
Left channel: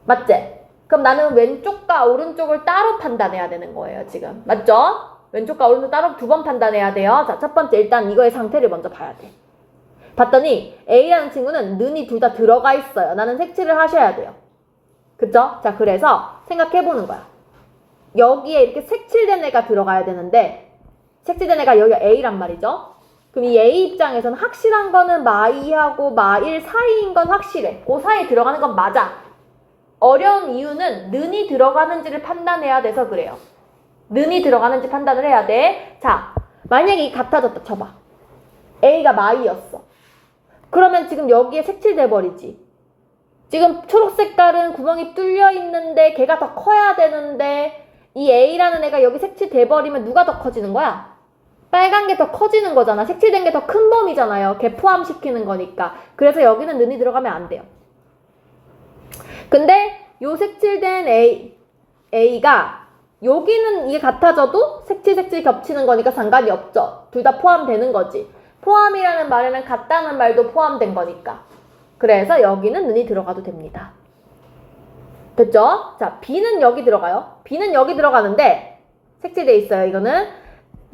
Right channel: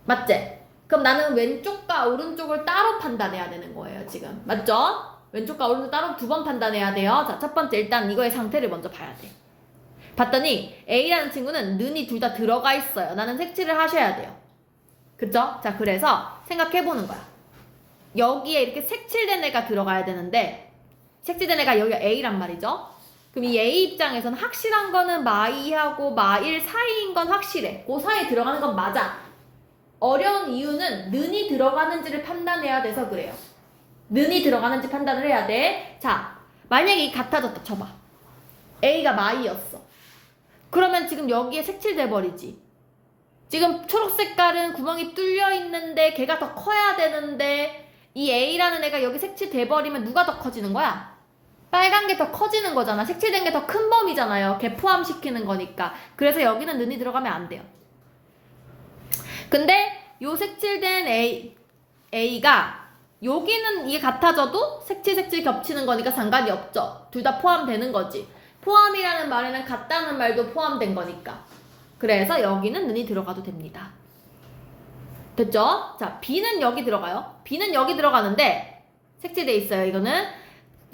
맞지? 그럼 나는 왼쪽과 오른쪽을 따로 판단해야 되는 거예요, 지금. 맞죠? 왼쪽과 오른쪽 따로 두 번 판단해야 돼요. 자, 첫 번째 일단 이거의 상태를 먼저 봐야 돼. 봤더니 A라는 친구는 는이 둘 다 들어가 있어요. 나는 색칠을 하셔야 돼요. 그쵸? 자, 그래서 생각해보는 거야. 여기에 이렇게 색칠된 애가 들어가야 되는데 색칠된 애가 여기가 A란 말이죠. 그럼 이 A 입장에서는 확실한 거는 마 2하고 마 1 사이인 건 확실해. 그 사이에 들어가는 건 맞아. 어려운 이유는 는이 들어가는지를 판단해야 돼서 그래요. 는이 들어가는지 판단을 해야 돼. 자, 만약에 이 같아졌다 쳐봐. A가 마 2였어. 그러면 지금 여기에 색칠돼 버리지. 지금 초록 색깔은 구멍이 뚫려 있는데 걔가 더 커야 되는데 이 A라는 애가 여기 색칠돼 버리면 누가 더 커지는 거야? 빨간 게 더 커지는 거잖아. 색칠된 게 더 큰 범위잖아요. 걔 포함시키는 거니까. 그래서 여기는 는이 들어가면 안 돼요. 근데 요 색칠된 A가 여기는 이게 같아져도 색칠 겹치는 거니까 상관이 없죠. 둘 다 포함되는 거지. 포함이라는 말에는 같다는 말도 포함된 거니까. 그래서 여기는 는이 들어가도 됩니다. 됐죠? 자, B는 여기 들어가요. B는 여기 들어가는데 색칠돼 있어요. 이거는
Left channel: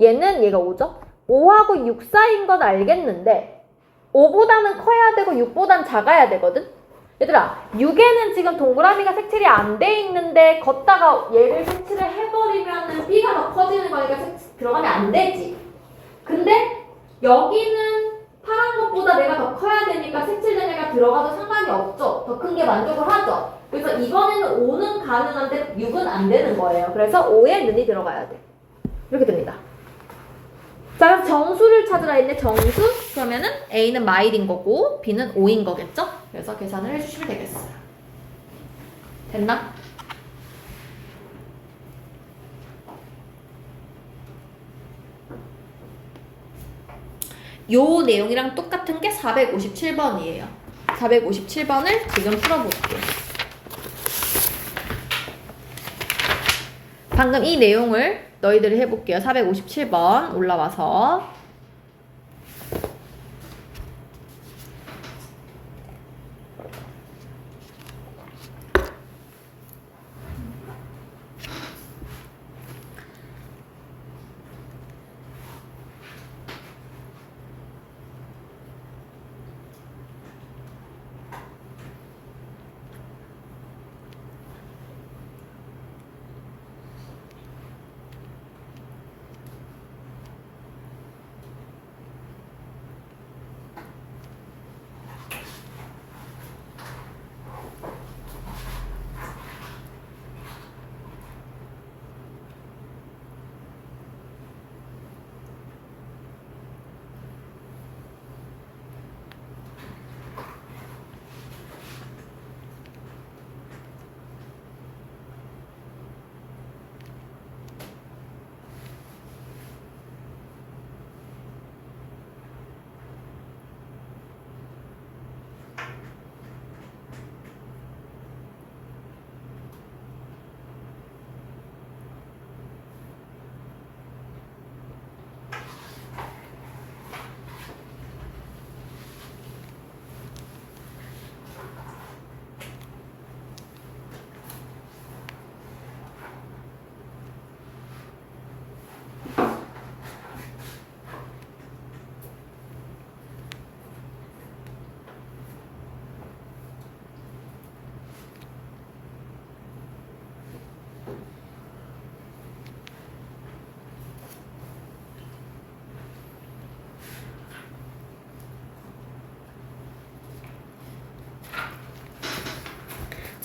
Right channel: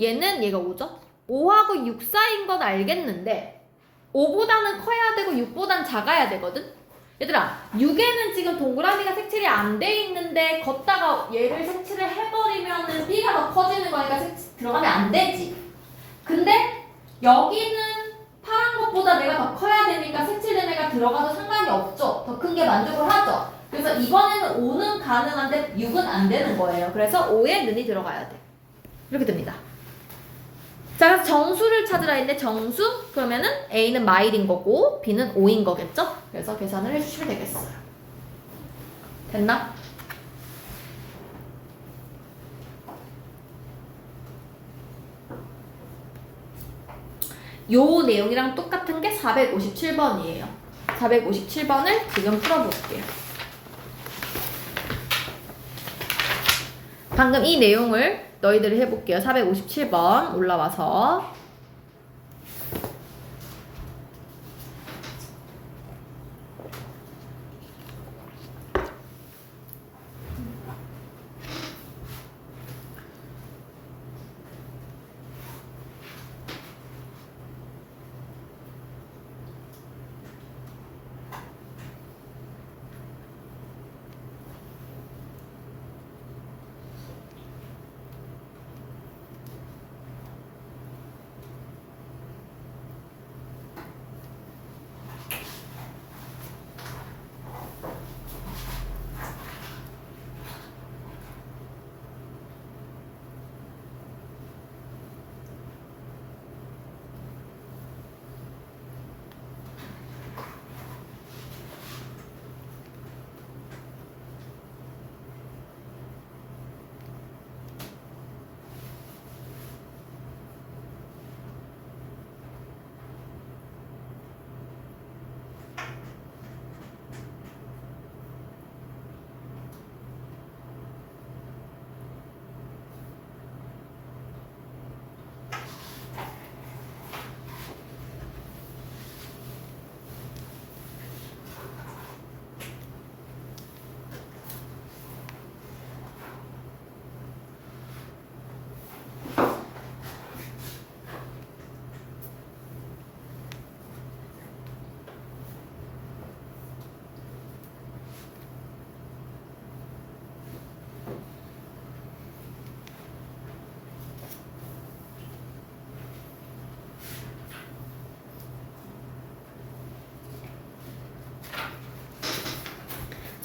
얘는 얘가 5죠? 5하고 6 사이인 건 알겠는데 5보다는 커야 되고 6보다는 작아야 되거든? 얘들아, 6에는 지금 동그라미가 색칠이 안 돼 있는데 걷다가 얘를 색칠을 해버리면은 B가 더 커지는 거니까 들어가면 안 되지. 근데 여기는 파란 것보다 내가 더 커야 되니까 색칠된 애가 들어가도 상관이 없죠. 더 큰 게 만족을 하죠. 그래서 이번에는 5는 가능한데 6은 안 되는 거예요. 그래서 5에 는이 들어가야 돼. 이렇게 됩니다. 자, 그래서 정수를 찾으라 했네. 정수? 그러면은 A는 마일인 거고 B는 5인 거겠죠? 그래서 계산을 해주시면 되겠어요. 됐나? 요 내용이랑 똑같은 게 457번이에요. 457번을 지금 풀어볼게요. 방금 이 내용을 너희들이 해볼게요. 457번 올라와서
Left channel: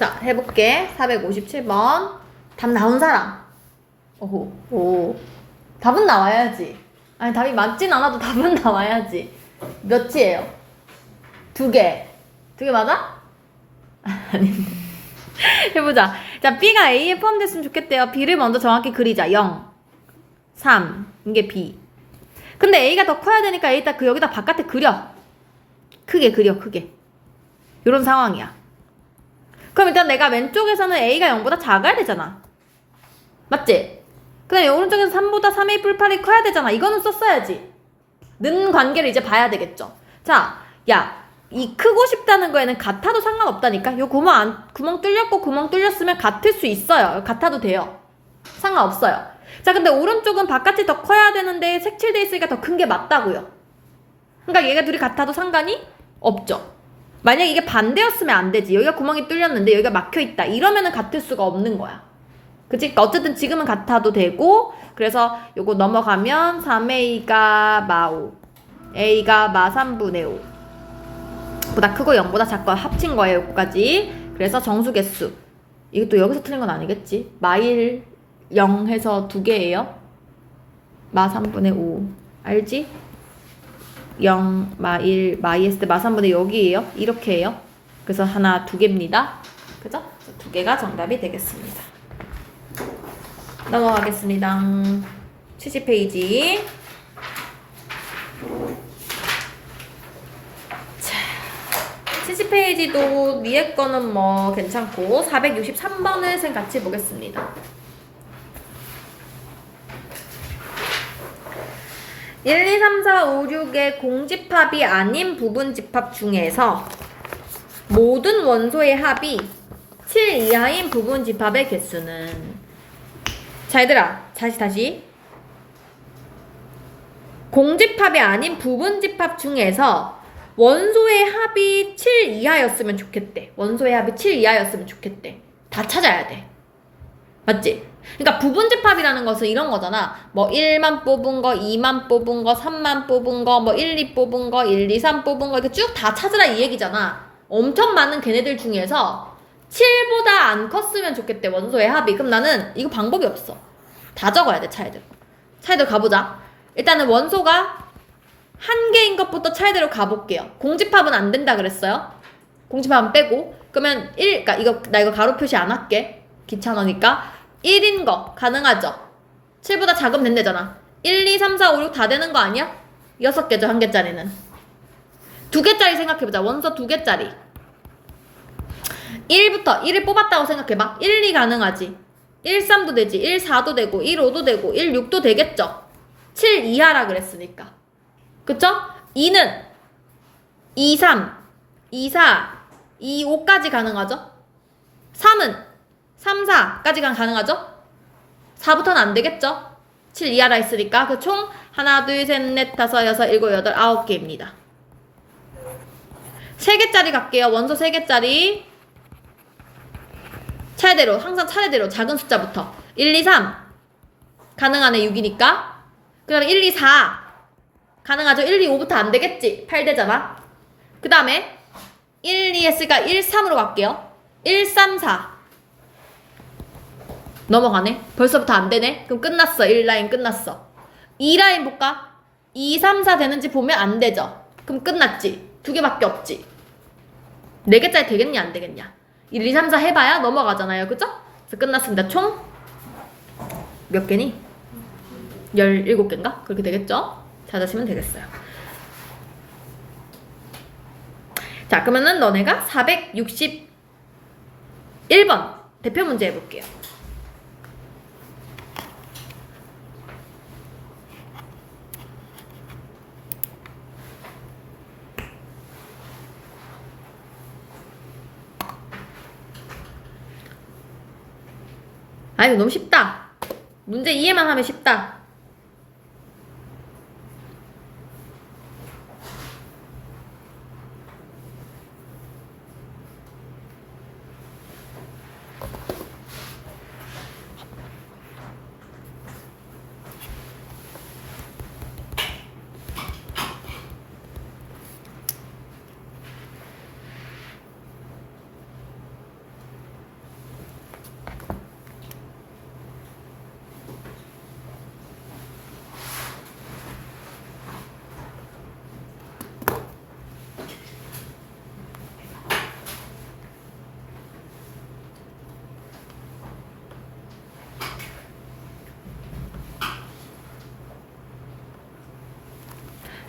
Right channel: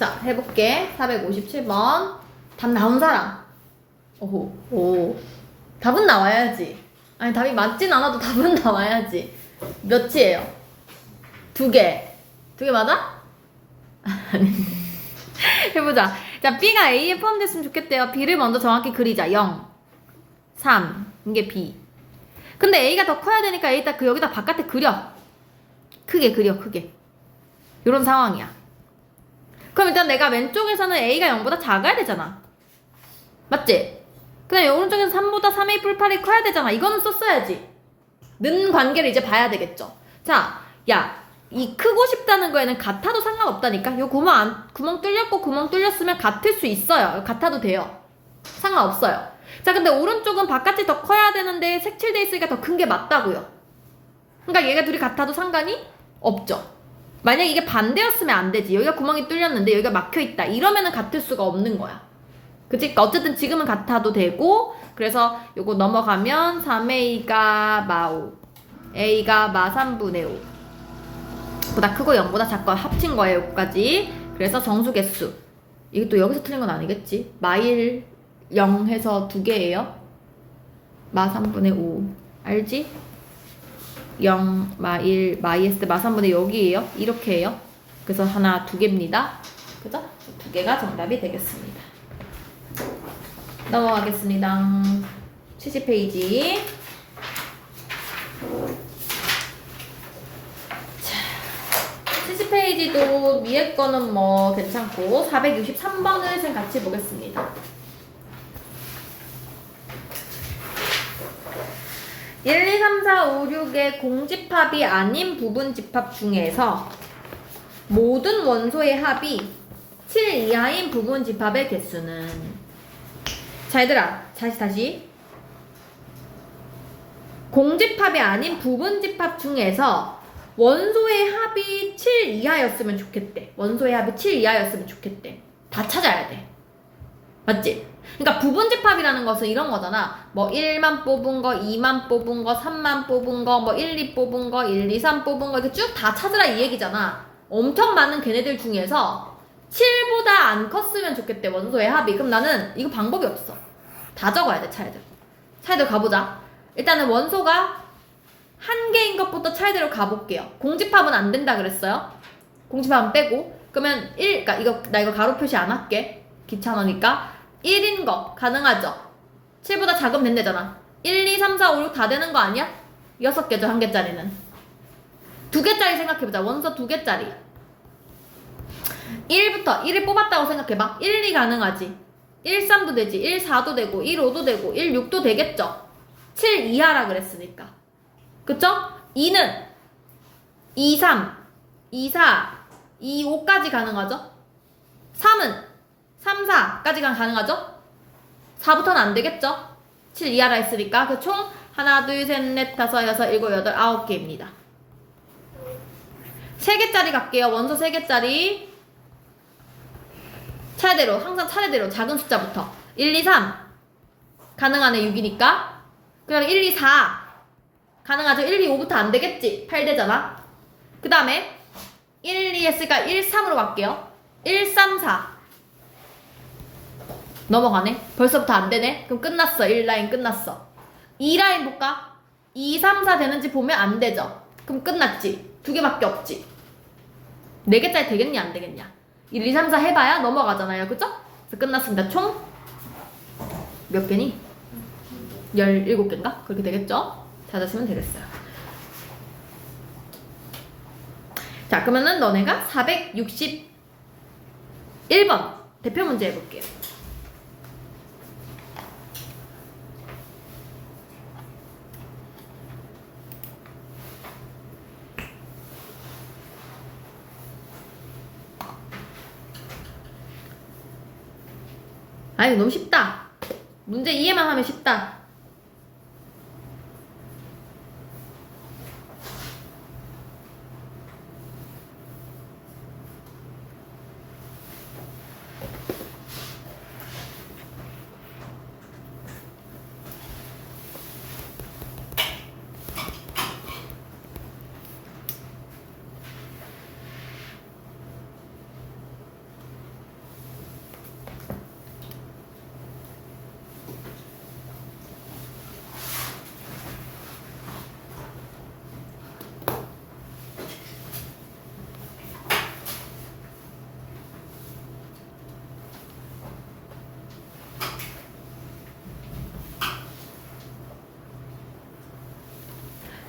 자, 해볼게. 457번. 답 나온 사람. 오호, 오. 답은 나와야지. 아니, 답이 맞진 않아도 답은 나와야지. 몇이에요? 2개. 2개 맞아? 아닌데. 해보자. 자, B가 A에 포함됐으면 좋겠대요. B를 먼저 정확히 그리자. 0, 3. 이게 B. 근데 A가 더 커야 되니까 A 딱 여기다 바깥에 그려. 크게 그려, 크게. 이런 상황이야. 그럼 일단 내가 왼쪽에서는 A가 0보다 작아야 되잖아. 맞지? 그 다음에 오른쪽에서 3보다 3A 뿔 8이 커야 되잖아. 이거는 썼어야지. 는 관계를 이제 봐야 되겠죠. 자, 야, 이 크고 싶다는 거에는 같아도 상관없다니까. 요 구멍 뚫렸고 구멍 뚫렸으면 같을 수 있어요. 같아도 돼요. 상관없어요. 자, 근데 오른쪽은 바깥이 더 커야 되는데 색칠돼 있으니까 더 큰 게 맞다고요. 그러니까 얘가 둘이 같아도 상관이 없죠. 만약 이게 반대였으면 안 되지. 여기가 구멍이 뚫렸는데 여기가 막혀있다. 이러면은 같을 수가 없는 거야. 그치? 그러니까 어쨌든 지금은 같아도 되고, 그래서 요거 넘어가면 3A가 마5, A가 마3분의 5 보다 크고 0보다 작고 합친 거예요. 여기까지. 그래서 정수 개수. 이게 또 여기서 틀린 건 아니겠지? 마1 0 해서 2개예요. 마3분의 5 알지? 0, 마1, 마2 했을 때 마3분의 여기에요. 이렇게 해요. 그래서 하나, 2개입니다. 그죠? 2개가 정답이 되겠습니다. 넘어가겠습니다. 70페이지. 자, 70페이지도 위에 거는 뭐 괜찮고 463번을 선 같이 보겠습니다. 1, 2, 3, 4, 5, 6의 공집합이 아닌 부분집합 중에서 모든 원소의 합이 7 이하인 부분집합의 개수는, 자 얘들아, 다시 공집합이 아닌 부분집합 중에서 원소의 합이 7 이하였으면 좋겠대. 원소의 합이 7 이하였으면 좋겠대. 다 찾아야 돼. 맞지? 그러니까 부분집합이라는 것은 이런 거잖아. 뭐 1만 뽑은 거, 2만 뽑은 거, 3만 뽑은 거, 뭐 1, 2 뽑은 거, 1, 2, 3 뽑은 거 이렇게 쭉 다 찾으라 이 얘기잖아. 엄청 많은 걔네들 중에서 7보다 안 컸으면 좋겠대, 원소의 합이. 그럼 나는 이거 방법이 없어. 다 적어야 돼, 차례대로. 차례대로 가보자. 일단은 원소가 한 개인 것부터 차례대로 가볼게요. 공집합은 안 된다 그랬어요. 공집합은 빼고. 그러면 1, 그러니까 나 이거 가로 표시 안 할게. 귀찮으니까. 1인 거 가능하죠? 7보다 작으면 된대잖아. 1, 2, 3, 4, 5, 6 다 되는 거 아니야? 6개죠, 한 개짜리는. 2개짜리 생각해보자. 원소 2개짜리. 1부터 1을 뽑았다고 생각해봐. 1, 2 가능하지. 1, 3도 되지. 1, 4도 되고 1, 5도 되고 1, 6도 되겠죠. 7 이하라 그랬으니까. 그쵸? 2는 2, 3, 2, 4, 2, 5까지 가능하죠? 3은 3, 4까지 가능하죠? 4부터는 안 되겠죠? 7 이하라 했으니까 그 총 하나, 둘, 셋, 넷, 다섯, 여섯, 일곱, 여덟, 9개입니다. 3개짜리 갈게요. 원소 3개짜리. 차례대로, 항상 차례대로 작은 숫자부터. 1, 2, 3 가능하네. 6이니까. 그 다음에 1, 2, 4 가능하죠? 1, 2, 5부터 안 되겠지? 8되잖아. 그 다음에 1, 2 했으니까 1, 3으로 갈게요. 1, 3, 4 넘어가네. 벌써부터 안 되네. 그럼 끝났어. 1라인 끝났어. 2라인 볼까? 2, 3, 4 되는지 보면 안 되죠. 그럼 끝났지. 2개밖에 없지. 4개짜리 되겠냐 안 되겠냐. 1, 2, 3, 4 해봐야 넘어가잖아요. 그죠? 그래서 끝났습니다. 총 몇 개니? 17개인가? 그렇게 되겠죠? 찾으시면 되겠어요. 자, 그러면은 너네가 461번 대표 문제 해볼게요. 아이고 너무 쉽다. 문제 이해만 하면 쉽다.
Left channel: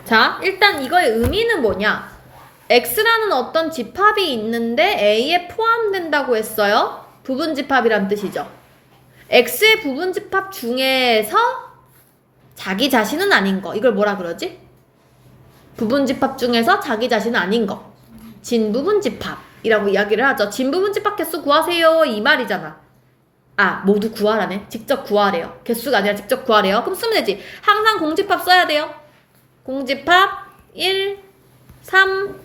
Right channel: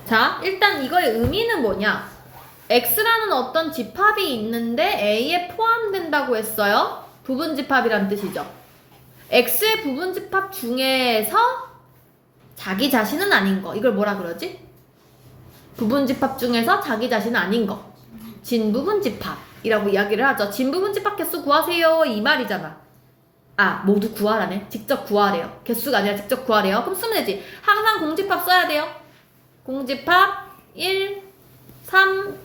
자, 일단 이거의 의미는 뭐냐? X라는 어떤 집합이 있는데 A에 포함된다고 했어요. 부분집합이란 뜻이죠. X의 부분집합 중에서 자기 자신은 아닌 거. 이걸 뭐라 그러지? 부분집합 중에서 자기 자신은 아닌 거. 진부분집합이라고 이야기를 하죠. 진부분집합 개수 구하세요. 이 말이잖아. 아, 모두 구하라네. 직접 구하래요. 개수가 아니라 직접 구하래요. 그럼 쓰면 되지. 항상 공집합 써야 돼요. 공집합 1, 3,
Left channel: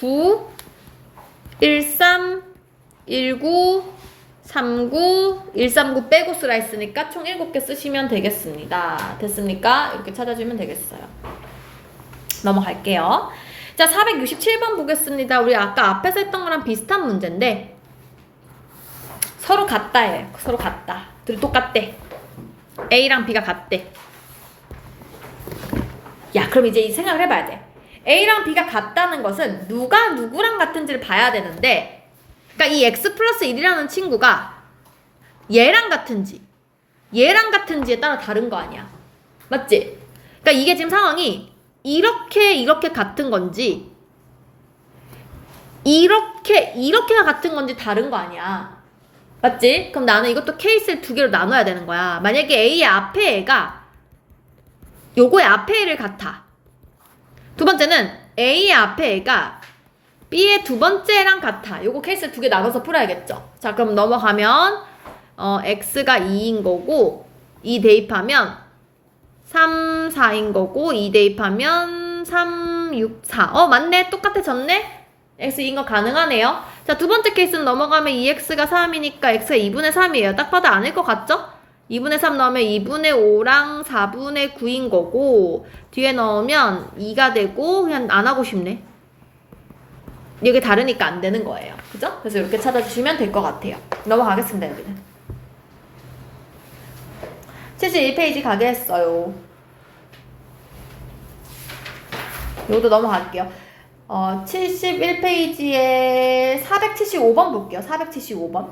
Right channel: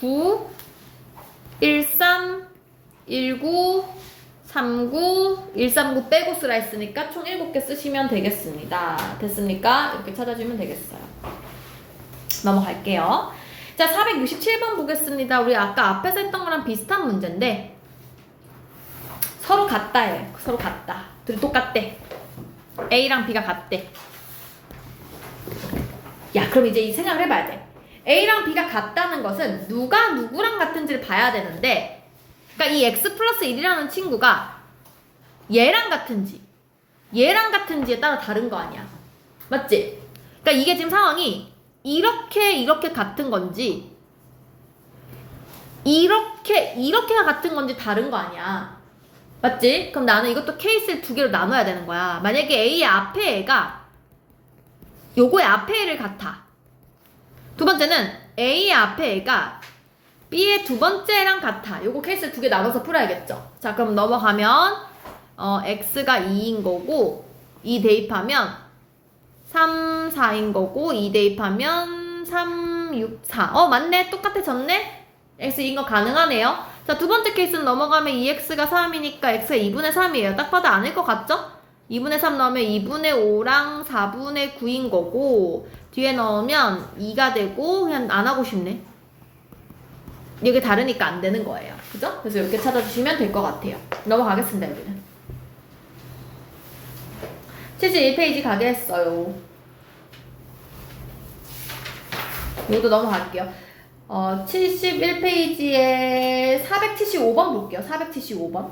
9, 1, 3, 1, 9, 3, 9, 1, 3, 9 빼고 쓰라 했으니까 총 7개 쓰시면 되겠습니다. 됐습니까? 이렇게 찾아주면 되겠어요. 넘어갈게요. 자, 467번 보겠습니다. 우리 아까 앞에서 했던 거랑 비슷한 문제인데 서로 같다예요. 서로 같다. 둘이 똑같대. A랑 B가 같대. 야, 그럼 이제 이 생각을 해봐야 돼. A랑 B가 같다는 것은 누가 누구랑 같은지를 봐야 되는데, 그러니까 이 X 플러스 1이라는 친구가 얘랑 같은지 얘랑 같은지에 따라 다른 거 아니야. 맞지? 그러니까 이게 지금 상황이 이렇게 같은 건지 이렇게가 같은 건지 다른 거 아니야. 맞지? 그럼 나는 이것도 케이스를 2개로 나눠야 되는 거야. 만약에 A의 앞에 애가 요거의 앞에 애를 같아. 두 번째는 A의 앞에 애가 B의 두 번째랑 같아. 요거 케이스를 2개 나눠서 풀어야겠죠. 자, 그럼 넘어가면 X가 2인 거고 2 대입하면 3, 4인 거고 2 대입하면 3, 3, 6, 4. 맞네. 똑같아졌네. x인 거 가능하네요. 자, 두 번째 케이스는 넘어가면 2x가 3이니까 x가 2분의 3이에요. 딱 봐도 아닐 것 같죠? 2분의 3 넣으면 2분의 5랑 4분의 9인 거고, 뒤에 넣으면 2가 되고, 그냥 안 하고 싶네. 이게 다르니까 안 되는 거예요. 그죠? 그래서 이렇게 찾아주시면 될 것 같아요. 넘어가겠습니다, 여러분. 71페이지 가게 했어요. 이것도 넘어갈게요. 71페이지에 475번 볼게요. 475번.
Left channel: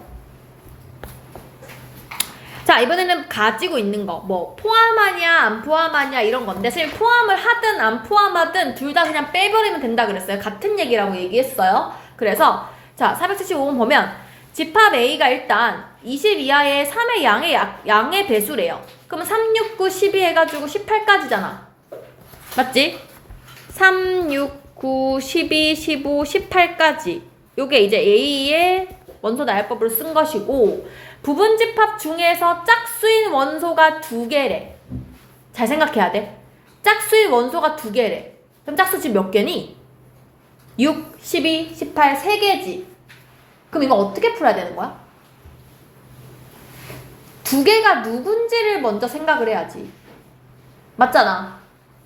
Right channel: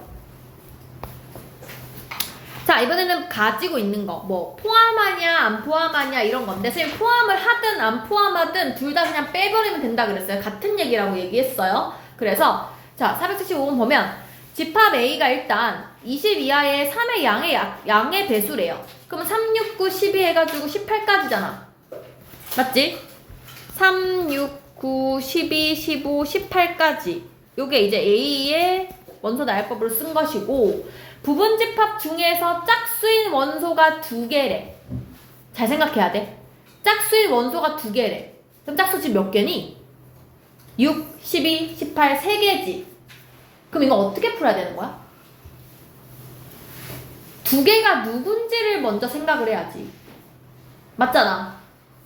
자, 이번에는 가지고 있는 거. 뭐, 포함하냐, 안 포함하냐, 이런 건데, 선생님 포함을 하든 안 포함하든 둘 다 그냥 빼버리면 된다 그랬어요. 같은 얘기라고 얘기했어요. 그래서, 자, 475번 보면, 집합 A가 일단 20 이하의 3의 양의 배수래요. 그러면 3, 6, 9, 12 해가지고 18까지잖아. 맞지? 3, 6, 9, 12, 15, 18까지. 요게 이제 A의 원소 나열법으로 쓴 것이고, 부분집합 중에서 짝수인 원소가 2개래. 잘 생각해야 돼. 짝수인 원소가 2개래. 그럼 짝수 지금 몇 개니? 6, 12, 18, 3개지. 그럼 이거 어떻게 풀어야 되는 거야? 2개가 누군지를 먼저 생각을 해야지. 맞잖아.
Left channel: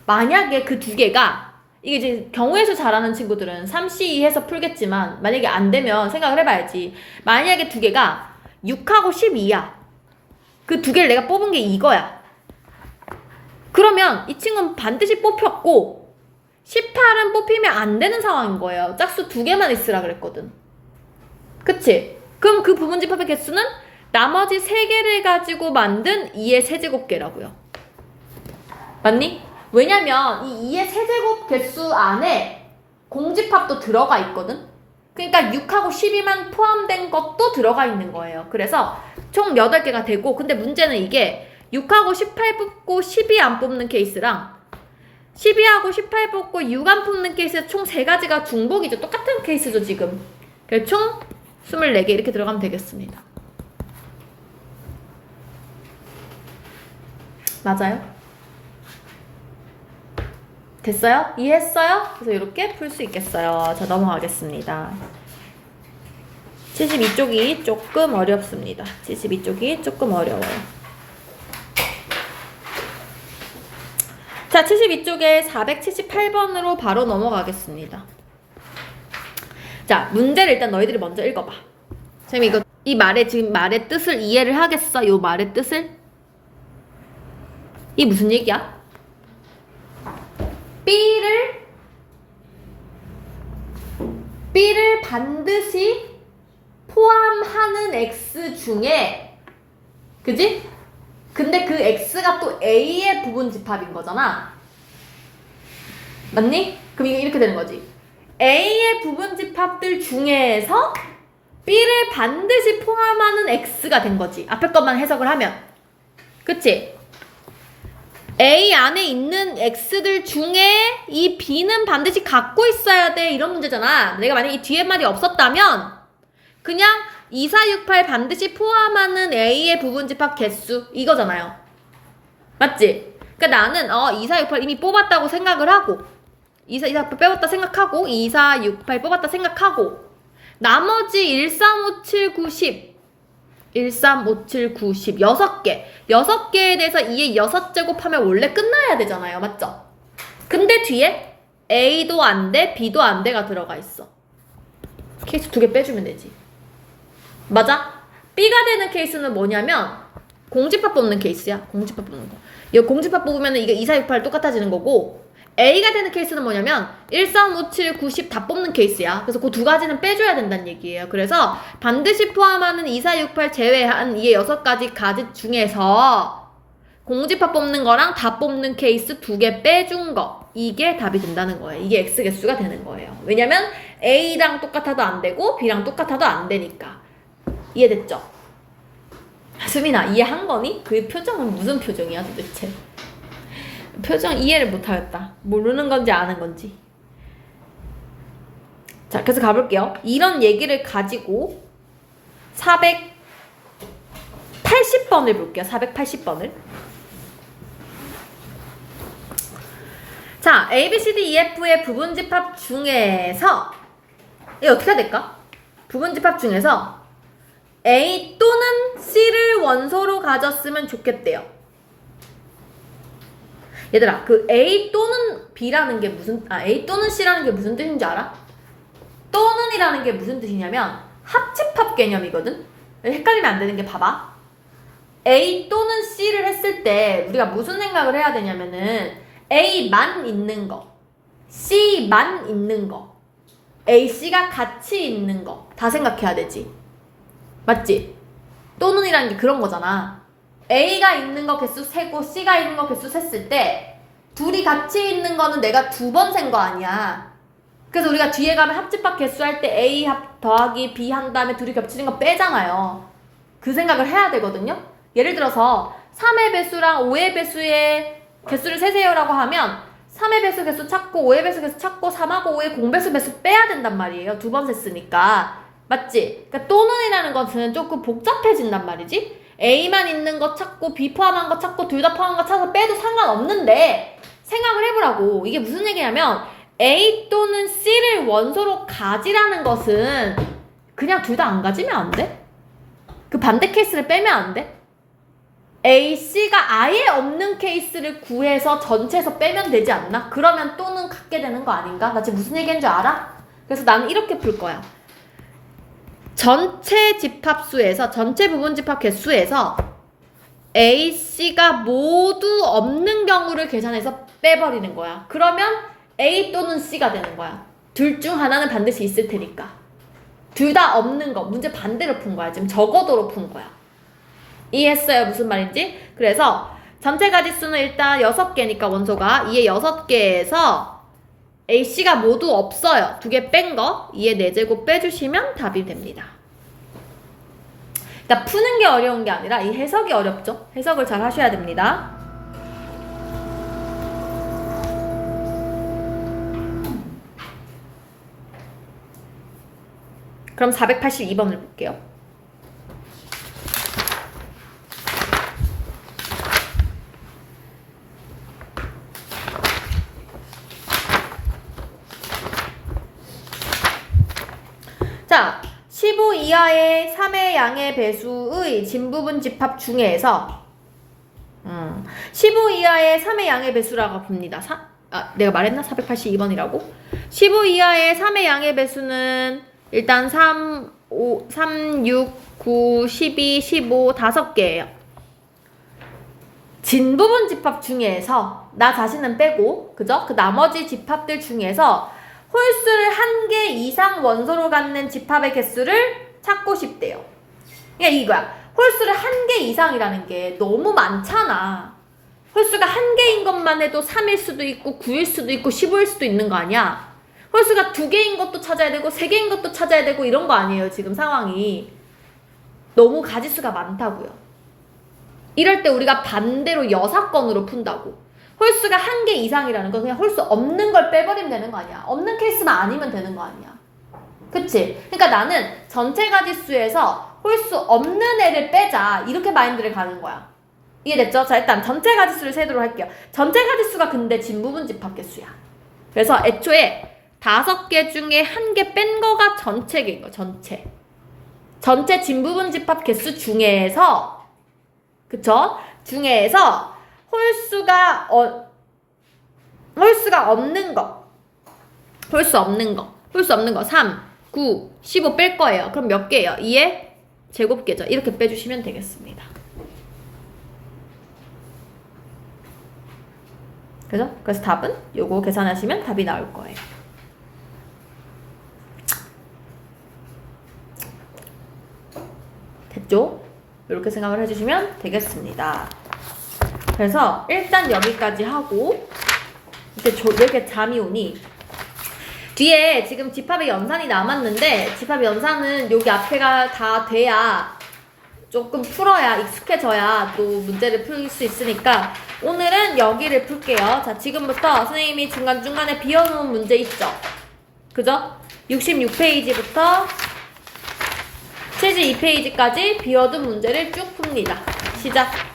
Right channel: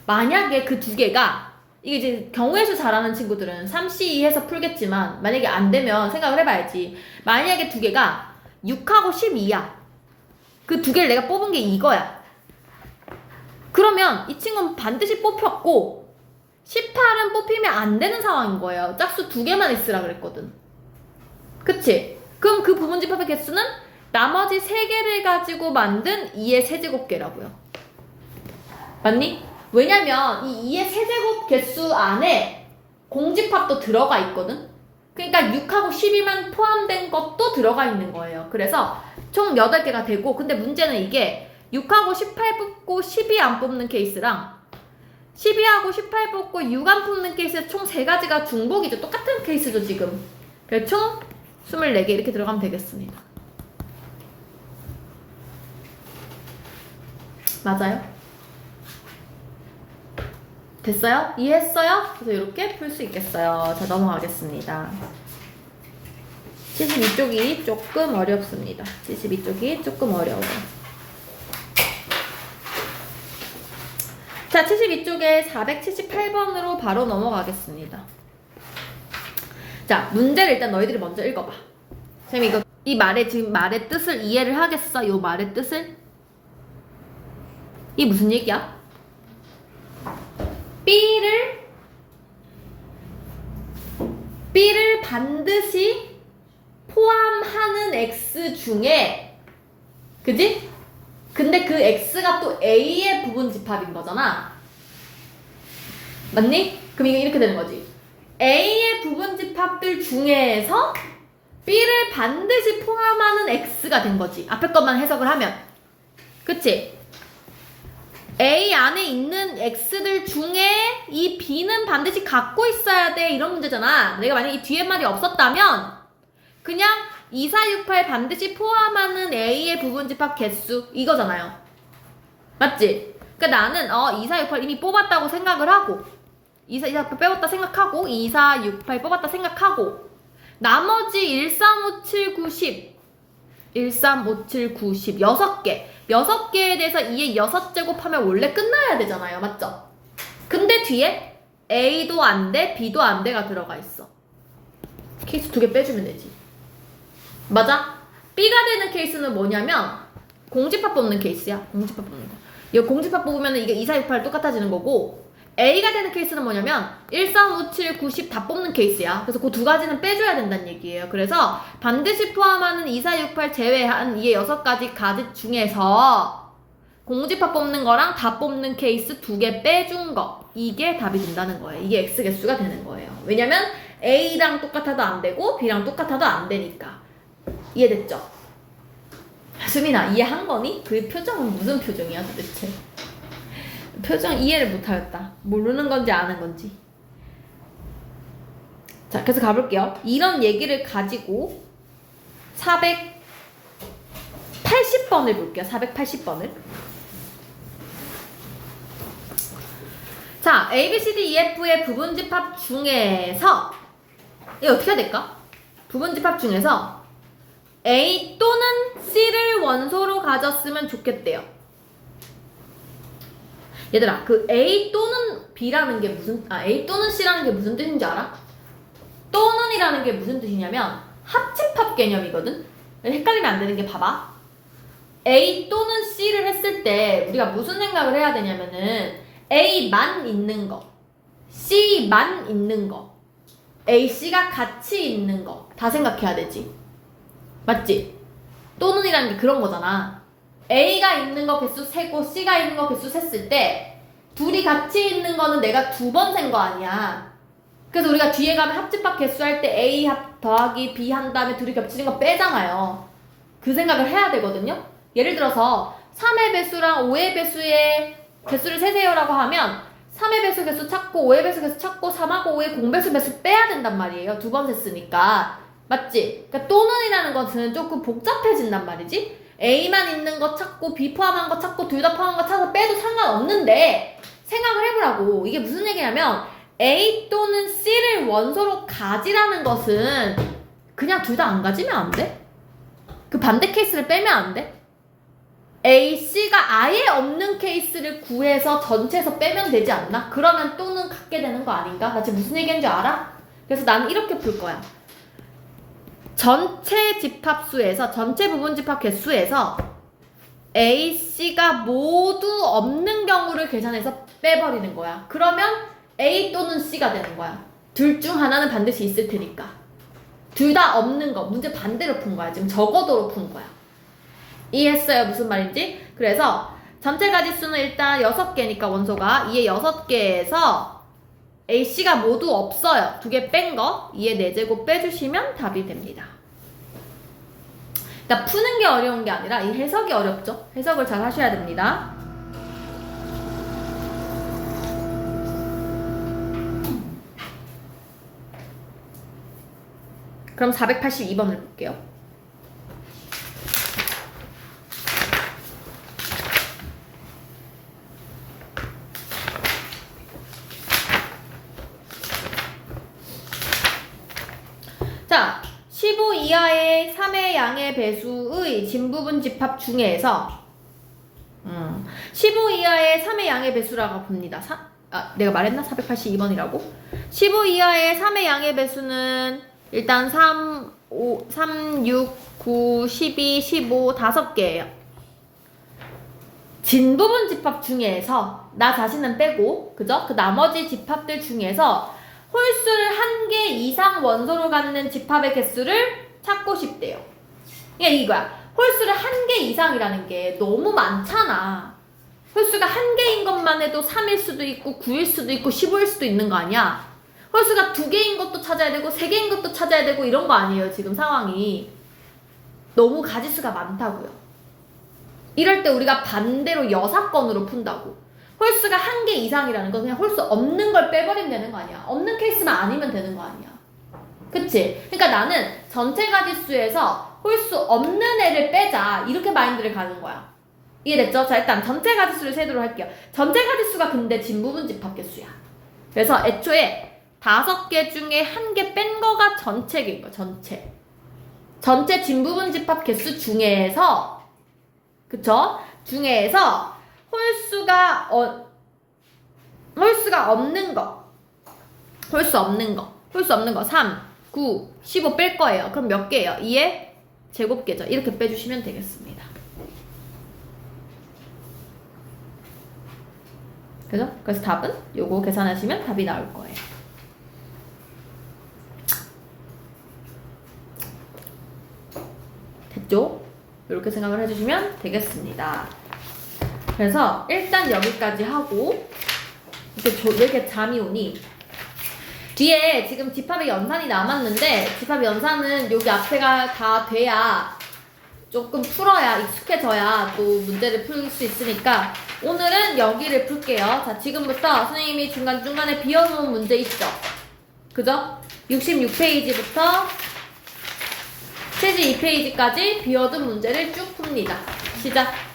만약에 그 2개가, 이게 이제 경우의 수 잘하는 친구들은 3C 해서 풀겠지만, 만약에 안 되면 생각을 해봐야지. 만약에 2개가 6하고 12야. 그 2개를 내가 뽑은 게 이거야. 그러면 이 친구는 반드시 뽑혔고 18은 뽑히면 안 되는 상황인 거예요. 짝수 2개만 있으라 그랬거든. 그치? 그럼 그 부분집합의 개수는 나머지 3개를 가지고 만든 2의 세제곱개라고요. 맞니? 왜냐면 이 2의 세제곱 개수 안에 공집합도 들어가 있거든? 그러니까 6하고 12만 포함된 것도 들어가 있는 거예요. 그래서 총 8개가 되고, 근데 문제는 이게 6하고 18 뽑고 12 안 뽑는 케이스랑 12하고 18 뽑고 6 안 뽑는 케이스 총 3가지가 중복이죠. 똑같은 케이스죠, 지금. 그래서 총 24개 이렇게 들어가면 되겠습니다. 맞아요? 됐어요? 이해했어요? 그래서 이렇게 풀 수 있겠어요. 자, 넘어가겠습니다. 72쪽이 조금 어렵습니다. 72쪽이 조금 어려워요. 자, 72쪽에 478번으로 바로 넘어가겠습니다. 자, 문제를 일단 너희들이 먼저 읽어봐. 선생님, 이 말의, 지금 말의 뜻을 이해를 하겠어? 요 말의 뜻을? 이 무슨 얘기야? B를 반드시 포함하는 X 중에, 그지? 근데 그 X가 또 A의 부분집합인 거잖아. 맞니? 그럼 이거 이렇게 되는 거지. A의 부분집합들 중에서 B를 반드시 포함하는 X가 된 거지. 앞에 것만 해석을 하면. 그치? A 안에 있는 X들 중에 이 B는 반드시 갖고 있어야 돼. 이런 문제잖아. 내가 만약에 이 뒤에 말이 없었다면 그냥 2, 4, 6, 8 반드시 포함하는 A의 부분집합 개수 이거잖아요. 맞지? 그러니까 나는 2, 4, 6, 8 이미 뽑았다고 생각을 하고 2, 4, 8 빼봤다 생각하고 2, 4, 6, 8 뽑았다 생각하고 나머지 1, 3, 5, 7, 9, 10 1, 3, 5, 7, 9, 10 6개 6개에 대해서 2의 6제곱하면 원래 끝나야 되잖아요. 맞죠? 근데 뒤에 A도 안 돼, B도 안 돼가 들어가 있어. 케이스 2개 빼주면 되지. 맞아? B가 되는 케이스는 뭐냐면 공집합 뽑는 케이스야. 공집합 뽑는 거. 이 공집합 뽑으면 이게 2, 4, 6, 8 똑같아지는 거고, A가 되는 케이스는 뭐냐면 1, 3, 5, 7, 9, 10 다 뽑는 케이스야. 그래서 그 2가지는 빼줘야 된다는 얘기예요. 그래서 반드시 포함하는 2, 4, 6, 8 제외한 이의 6가지 가지 중에서 공집합 뽑는 거랑 다 뽑는 케이스 2개 빼준 거, 이게 답이 된다는 거예요. 이게 X 개수가 되는 거예요. 왜냐면 A랑 똑같아도 안 되고 B랑 똑같아도 안 되니까. 이해됐죠? 수민아, 이해한 거니? 그 표정은 무슨 표정이야 도대체? 표정 이해를 못하겠다. 모르는 건지 아는 건지. 자, 그래서 가볼게요. 이런 얘기를 가지고 480번을 볼게요. 480번을. 자, A, B, C, D, E, F의 부분집합 중에서 이거 어떻게 해야 될까? 부분집합 중에서 A 또는 C를 원소로 가졌으면 좋겠대요. 얘들아, 그 A 또는 B라는 게 A 또는 C라는 게 무슨 뜻인 줄 알아? 또는이라는 게 무슨 뜻이냐면 합집합 개념이거든? 헷갈리면 안 되는 게 봐봐. A 또는 C를 했을 때 우리가 무슨 생각을 해야 되냐면은 A만 있는 거, C만 있는 거, A, C가 같이 있는 거 다 생각해야 되지. 맞지? 또는이라는 게 그런 거잖아. A가 있는 거 개수 세고 C가 있는 거 개수 셌을 때 둘이 같이 있는 거는 내가 2번 센 거 아니야. 그래서 우리가 뒤에 가면 합집합 개수 할 때 A 더하기 B 한 다음에 둘이 겹치는 거 빼잖아요. 그 생각을 해야 되거든요. 예를 들어서 3의 배수랑 5의 배수의 개수를 세세요라고 하면 3의 배수 개수 찾고 5의 배수 개수 찾고 3하고 5의 공배수 배수 빼야 된단 말이에요. 2번 셌으니까. 맞지? 그러니까 또는이라는 것은 조금 복잡해진단 말이지. A만 있는 거 찾고 B 포함한 거 찾고 둘 다 포함한 거 찾아서 빼도 상관없는데 생각을 해보라고. 이게 무슨 얘기냐면 A 또는 C를 원소로 가지라는 것은 그냥 둘 다 안 가지면 안 돼? 그 반대 케이스를 빼면 안 돼? A, C가 아예 없는 케이스를 구해서 전체에서 빼면 되지 않나? 그러면 또는 갖게 되는 거 아닌가? 나 지금 무슨 얘기인지 알아? 그래서 나는 이렇게 풀 거야. 전체 집합수에서 전체 부분 집합 개수에서 A, C가 모두 없는 경우를 계산해서 빼버리는 거야. 그러면 A 또는 C가 되는 거야. 둘 중 하나는 반드시 있을 테니까. 둘 다 없는 거. 문제 반대로 푼 거야. 지금 적어도로 푼 거야. 이해했어요? 무슨 말인지? 그래서 전체 가지수는 일단 6개니까 원소가 2의 6개에서 A, C가 모두 없어요. 2개 뺀 거 2의 4제곱 빼주시면 답이 됩니다. 그러니까 푸는 게 어려운 게 아니라 이 해석이 어렵죠? 해석을 잘 하셔야 됩니다. 그럼 482번을 볼게요. 자, 15 이하의 3의 양의 배수의 진부분 집합 중에서 15 이하의 3의 양의 배수라고 봅니다. 내가 말했나? 482번이라고? 15 이하의 3의 양의 배수는 일단 3, 6, 9, 12, 15, 5개예요. 진부분 집합 중에서 나 자신은 빼고 그죠? 그 나머지 집합들 중에서 홀수를 1개 이상 원소로 갖는 집합의 개수를 찾고 싶대요. 그냥 이거야. 홀수를 1개 이상이라는 게 너무 많잖아. 홀수가 1개인 것만 해도 3일 수도 있고 9일 수도 있고 15일 수도 있는 거 아니야. 홀수가 2개인 것도 찾아야 되고 3개인 것도 찾아야 되고 이런 거 아니에요. 지금 상황이. 너무 가지수가 많다고요. 이럴 때 우리가 반대로 여사건으로 푼다고. 홀수가 1개 이상이라는 건 그냥 홀수 없는 걸 빼버리면 되는 거 아니야. 없는 케이스만 아니면 되는 거 아니야. 그치? 그러니까 나는 전체 가지수에서 홀수 없는 애를 빼자. 이렇게 마인드를 가는 거야. 이해됐죠? 자, 일단 전체 가지수를 세도록 할게요. 전체 가지수가 근데 진부분 집합 개수야. 그래서 애초에 5개 중에 1개 뺀 거가 전체인 거야. 전체 진부분 집합 개수 중에서 그쵸? 중에서 홀수가 없는 거. 홀수 없는 거 3, 9, 15 뺄 거예요. 그럼 몇 개예요? 2의 제곱계죠. 이렇게 빼주시면 되겠습니다. 그래서 답은 요거 계산하시면 답이 나올 거예요. 됐죠? 이렇게 생각을 해주시면 되겠습니다. 그래서 일단 여기까지 하고 이제 왜 이렇게 잠이 오니? 뒤에 지금 집합의 연산이 남았는데 집합의 연산은 여기 앞에가 다 돼야 조금 풀어야 익숙해져야 또 문제를 풀 수 있으니까 오늘은 여기를 풀게요. 자, 지금부터 선생님이 중간중간에 비워놓은 문제 있죠? 그죠? 66페이지부터 체지 2페이지까지 비워둔 문제를 쭉 풉니다. 시작!